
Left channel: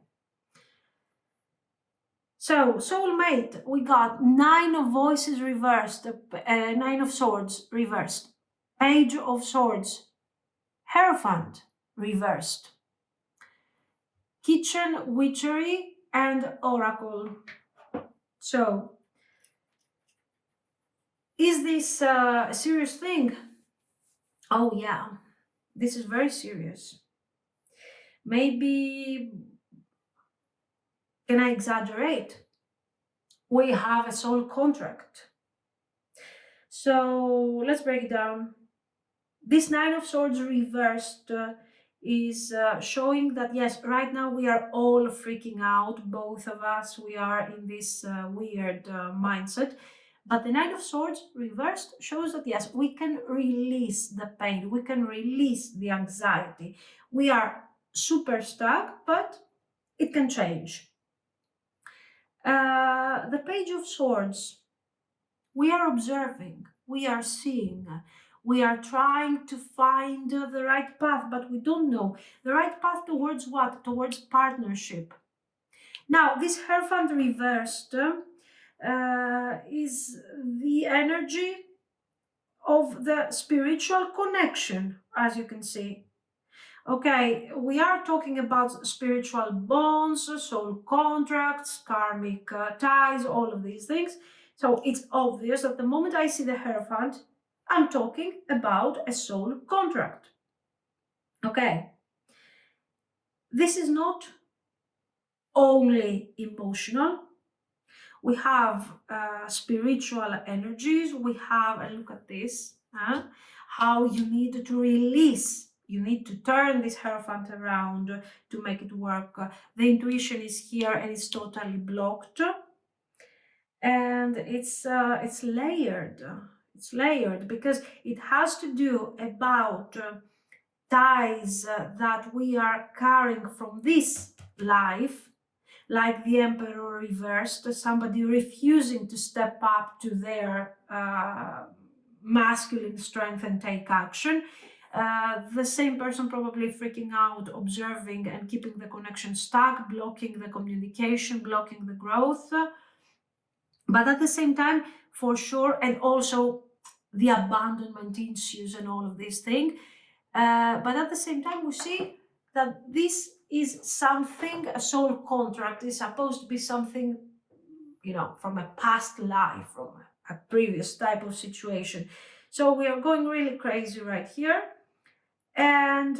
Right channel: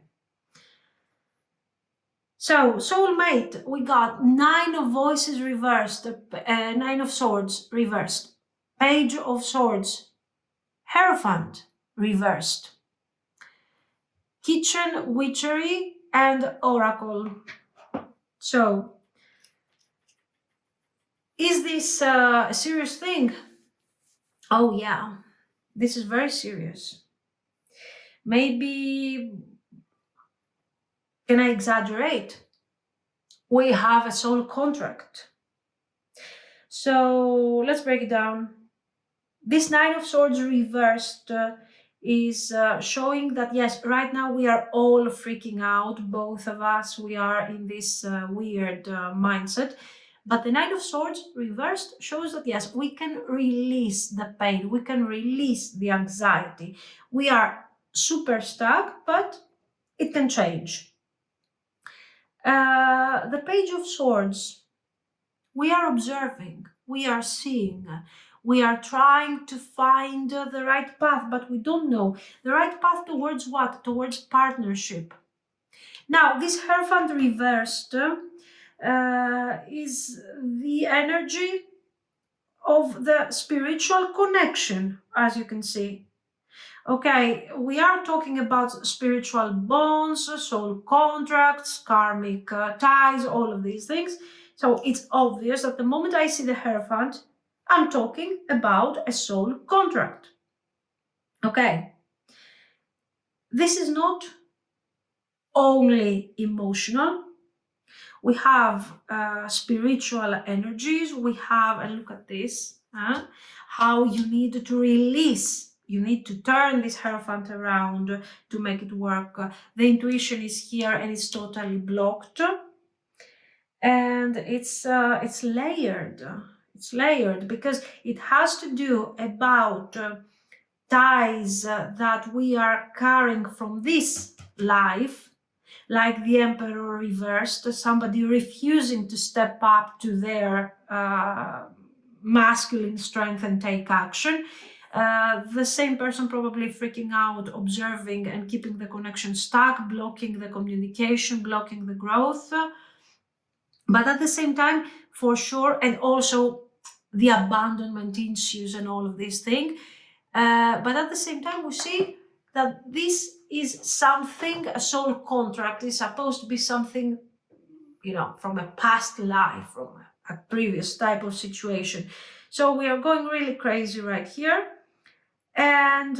So, soulmate, we got 9 of voices reversed, 9 of swords reversed, page of swords, hierophant reversed, kitchen witchery, and oracle. So, is this a serious thing? Oh yeah, this is very serious. Maybe, can I exaggerate? We have a soul contract. So let's break it down. This 9 of swords reversed is showing that yes, right now we are all freaking out, both of us. We are in this weird mindset. But the 9 of swords reversed shows that yes, we can release the pain, we can release the anxiety. We are super stuck, but it can change. The page of swords, we are observing, we are seeing, we are trying to find the right path, but we don't know. The right path towards what? Towards partnership. Now, this Hierophant reversed is the energy of the spiritual connection, as you can see. Okay, we are talking about spiritual bonds, soul contracts, karmic ties, all of these things. So it's obvious that the moment I see the Hierophant, I'm talking about a soul contract. Okay. This is not only emotional. We have spiritual energies. We have, and look at this, how you need to release You need to turn this Hierophant around to make it work. The intuition is here and it's totally blocked. And it's layered. It's layered because it has to do about ties that we are carrying from this life, like the Emperor reversed, somebody refusing to step up to their masculine strength and take action. The same person probably freaking out, observing and keeping the connection stuck, blocking the communication, blocking the growth. But at the same time, for sure, and also the abandonment issues and all of these things. But at the same time, we see that this is something, a soul contract is supposed to be something, from a past life, from a previous type of situation. So we are going really crazy right here. And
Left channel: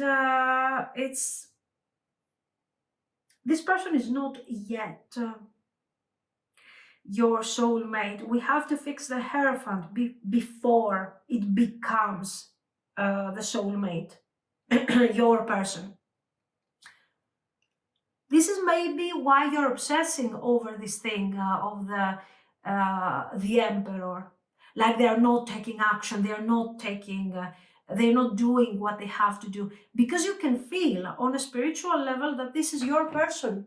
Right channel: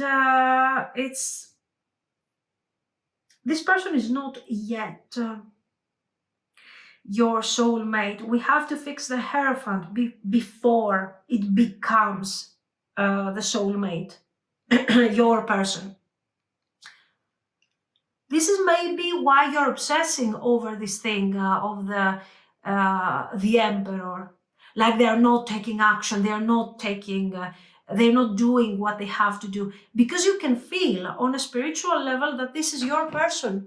this person is not yet your soulmate. We have to fix the Hierophant before it becomes the soulmate, your person. This is maybe why you're obsessing over this thing of the Emperor. Like they're not taking action, they're not doing what they have to do. Because you can feel on a spiritual level that this is your person.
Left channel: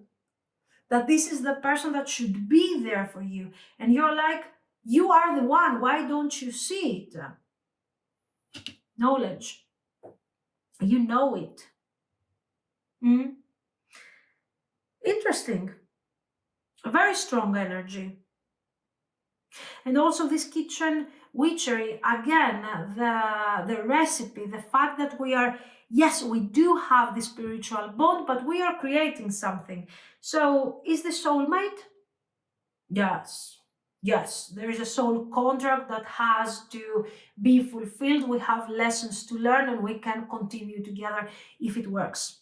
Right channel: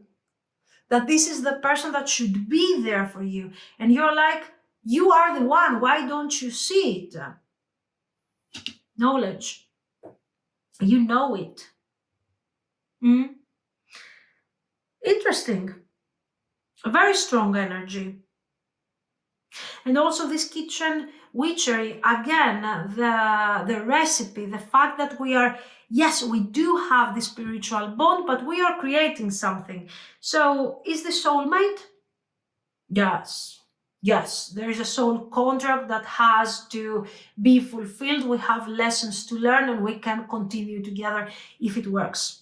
That this is the person that should be there for you. And you're like, you are the one, why don't you see it? Knowledge. You know it. Interesting. A very strong energy. And also this kitchen witchery, again, the recipe, the fact that we are, yes, we do have the spiritual bond, but we are creating something. So is the soulmate? Yes. Yes, there is a soul contract that has to be fulfilled. We have lessons to learn and we can continue together if it works.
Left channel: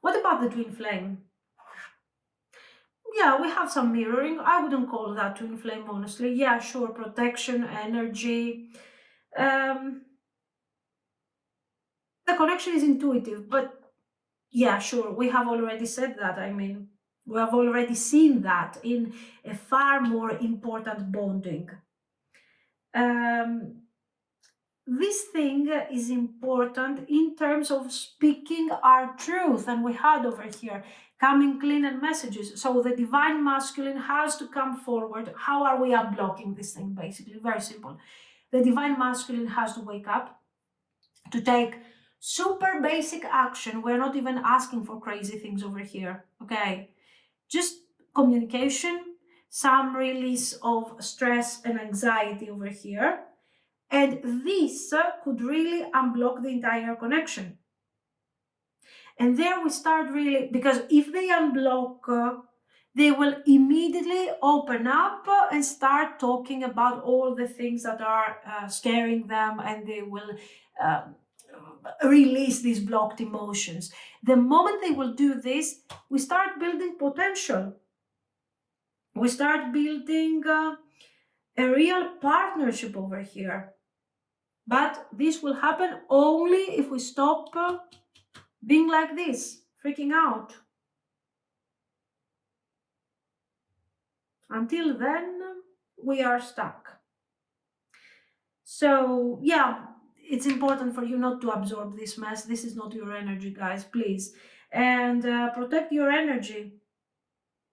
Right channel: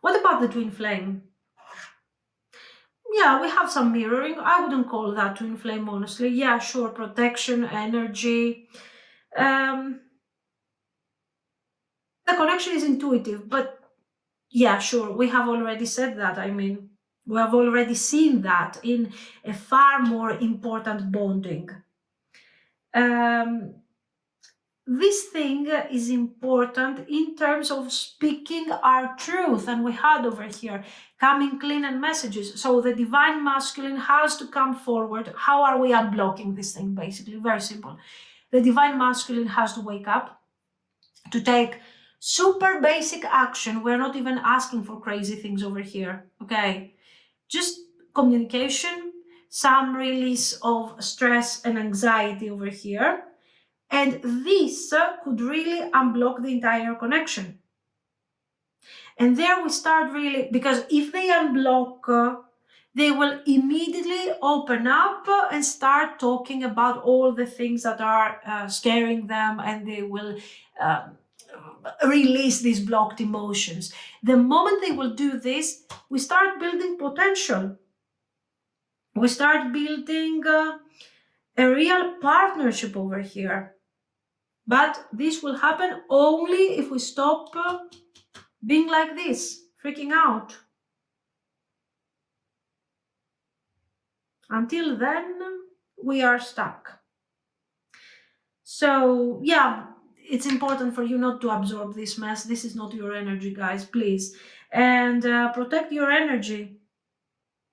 What about the twin flame? Yeah, we have some mirroring. I wouldn't call that twin flame, honestly. Yeah, sure, protection, energy. The connection is intuitive, but yeah, sure, we have already said that. I mean, we have already seen that in a far more important bonding. This thing is important in terms of speaking our truth, and we had over here coming clean and messages. So the divine masculine has to come forward. How are we unblocking this thing? Basically, very simple. The divine masculine has to wake up to take super basic action. We're not even asking for crazy things over here, okay? Just communication, some release of stress and anxiety over here. And this could really unblock the entire connection. And there we start really, because if they unblock, they will immediately open up and start talking about all the things that are scaring them, and they will release these blocked emotions. The moment they will do this, we start building potential. We start building a real partnership over here. But this will happen only if we stop being like this, freaking out. Until then, we are stuck. So, yeah, it's important for you not to absorb this mess. This is not your energy, guys, please. And protect your energy.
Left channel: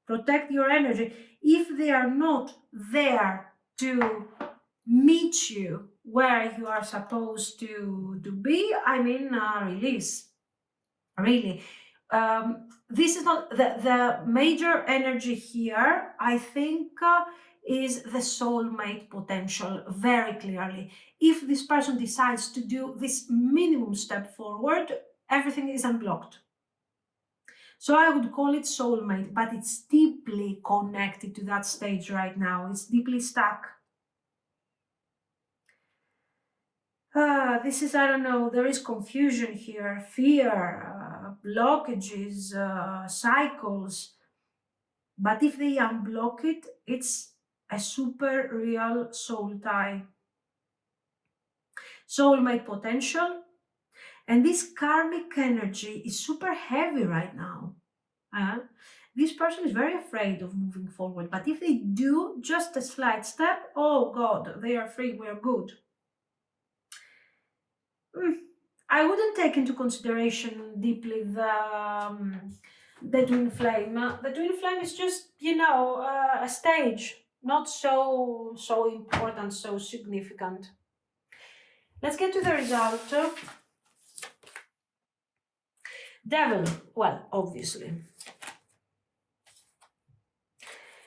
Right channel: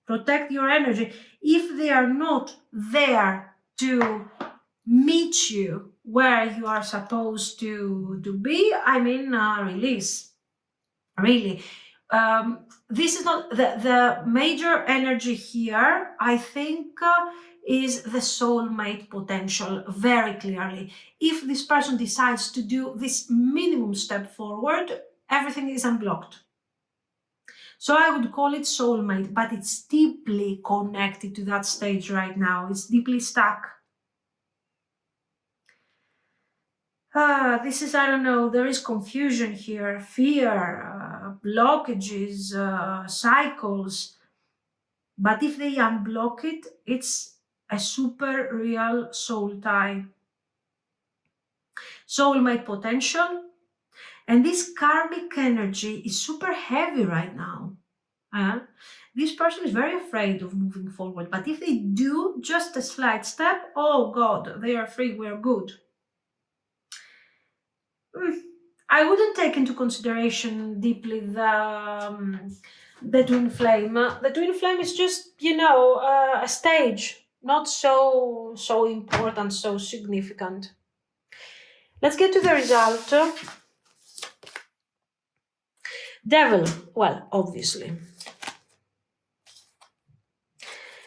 Protect your energy. If they are not there to meet you where you are supposed to be, I mean, release. Really. This is not the major energy here, I think, is the soulmate potential very clearly. If this person decides to do this minimum step forward, everything is unblocked. So I would call it soulmate, but it's deeply connected to that stage right now. It's deeply stuck. This is, I don't know, there is confusion here, fear, blockages, cycles. But if they unblock it, it's a super real soul tie. soulmate potential. And this karmic energy is super heavy right now. This person is very afraid of moving forward, but if they do just a slight step, oh God, they are free, we're good. I wouldn't take into consideration deeply the twin flame. The twin flame is just, a stage, not so important, so significant. Let's get to the result. Devil, well, obviously.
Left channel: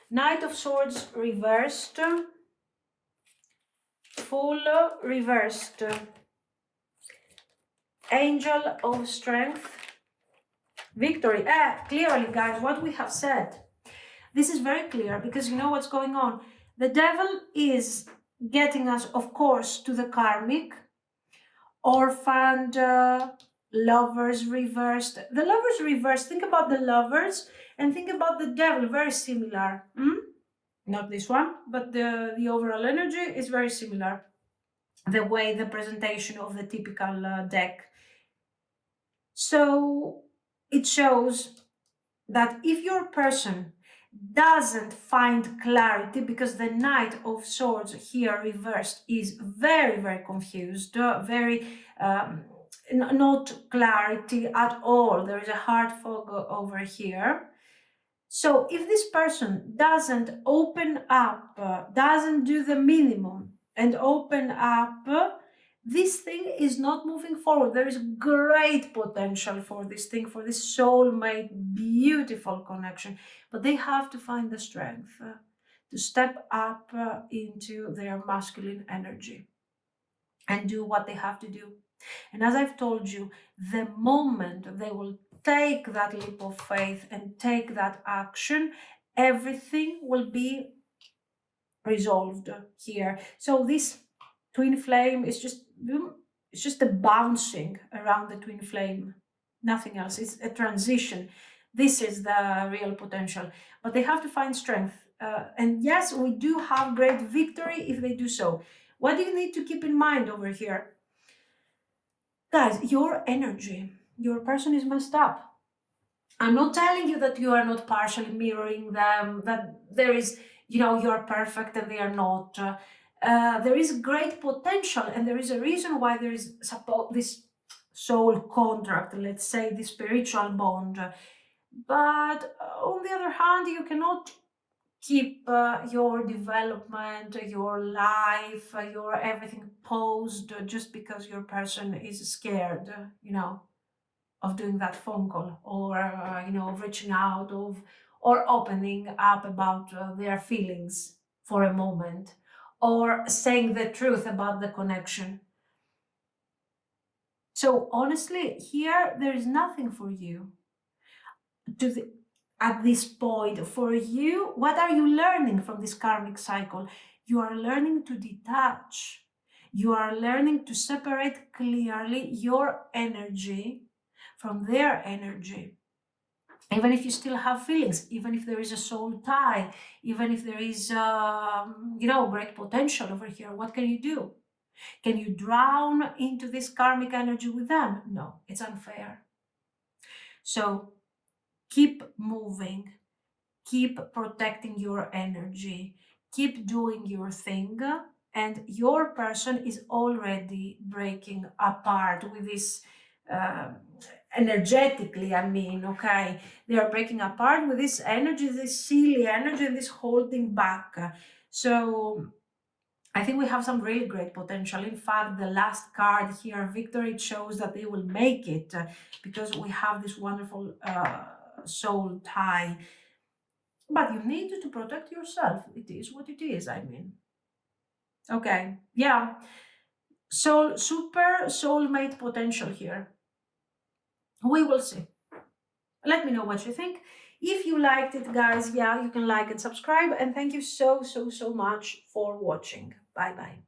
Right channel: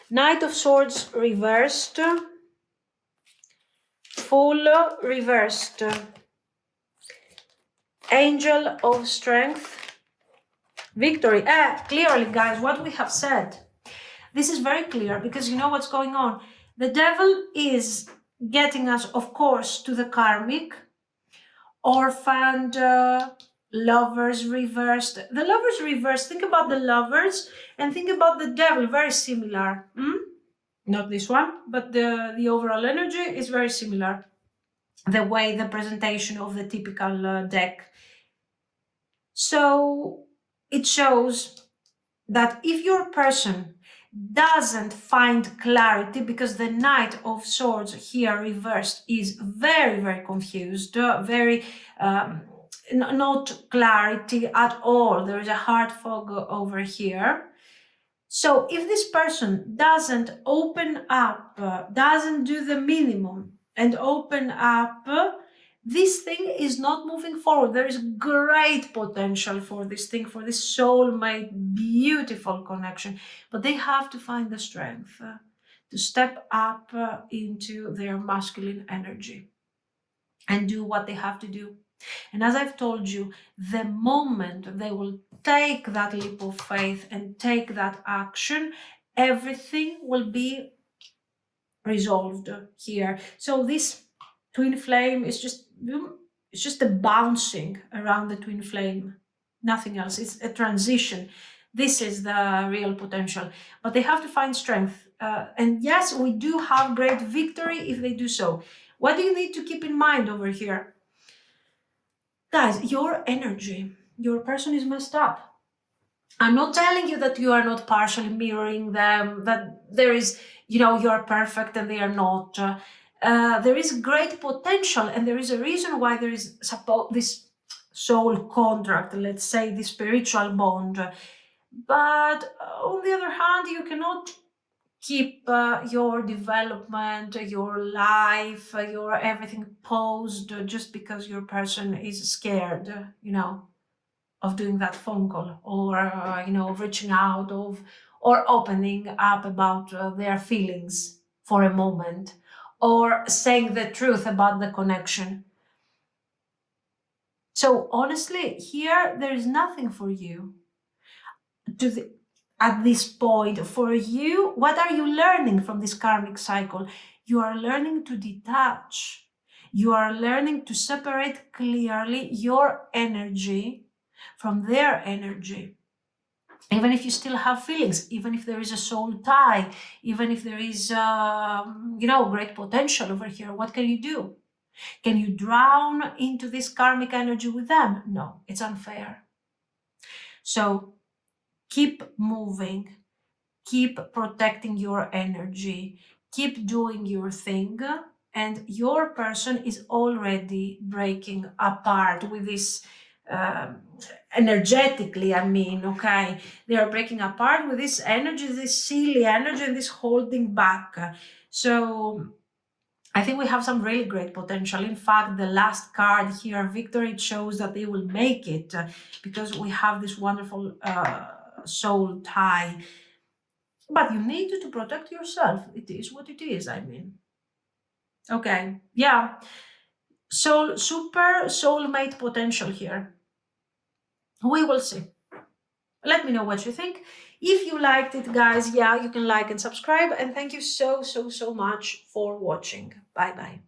Knight of Swords reversed. Fool reversed. Angel of Strength. Victory. Clearly, guys, what we have said. This is very clear because you know what's going on. The devil is getting us, of course, to the karmic. Orphaned, lovers reversed. The lovers reversed. Think about the lovers and think about the devil. Very similar. Not this one, but the overall energy is very similar. The way the presentation of the typical deck. So it shows that if your person doesn't find clarity, because the Knight of Swords here reversed is very, very confused, very not clarity at all. There is a hard fog over here. So if this person doesn't open up, doesn't do the minimum and open up, this thing is not moving forward. There is great potential for this thing, for this soulmate, beautiful connection, but they have to find the strength to step up into their masculine energy and do what they have to do. And as I've told you, the moment they will take that leap of faith and take that action, everything will be resolved here. So this twin flame is just a bouncing around the twin flame, nothing else. It's a transition. This is the real potential, but they have to find strength. And yes, we do have great victory if they do so. What do you need to keep in mind over here? Guys, your energy, your person is messed up. I'm not telling you that you are not partially mirroring them, that there is, you're perfect and they are not. There is great potential, and there is a reason why there is this soul contract, let's say, the spiritual bond. But on the other hand, you cannot keep your development, your life, your everything paused just because your person is scared, of doing that phone call or, of reaching out or opening up about their feelings for a moment or saying the truth about the connection. So honestly, here there is nothing for you at this point. For you, what are you learning from this karmic cycle? You are learning to detach. You are learning to separate clearly your energy from their energy. Even if you still have feelings, even if there is a soul tie, even if there is, great potential over here, what can you do? Can you drown into this karmic energy with them? No, it's unfair. So keep moving, keep protecting your energy, keep doing your thing, and your person is already breaking apart with this energetically, okay? They are breaking apart with this energy, this silly energy, and this holding back. So I think we have some really great potential. In fact, the last card here, Victory, it shows that they will make it because we have this wonderful soul tie. But you need to protect yourself. It is what it is, Okay, yeah. Super soulmate potential here. We will see. Let me know what you think. If you liked it, guys, you can like and subscribe. And thank you so much for watching. Bye-bye.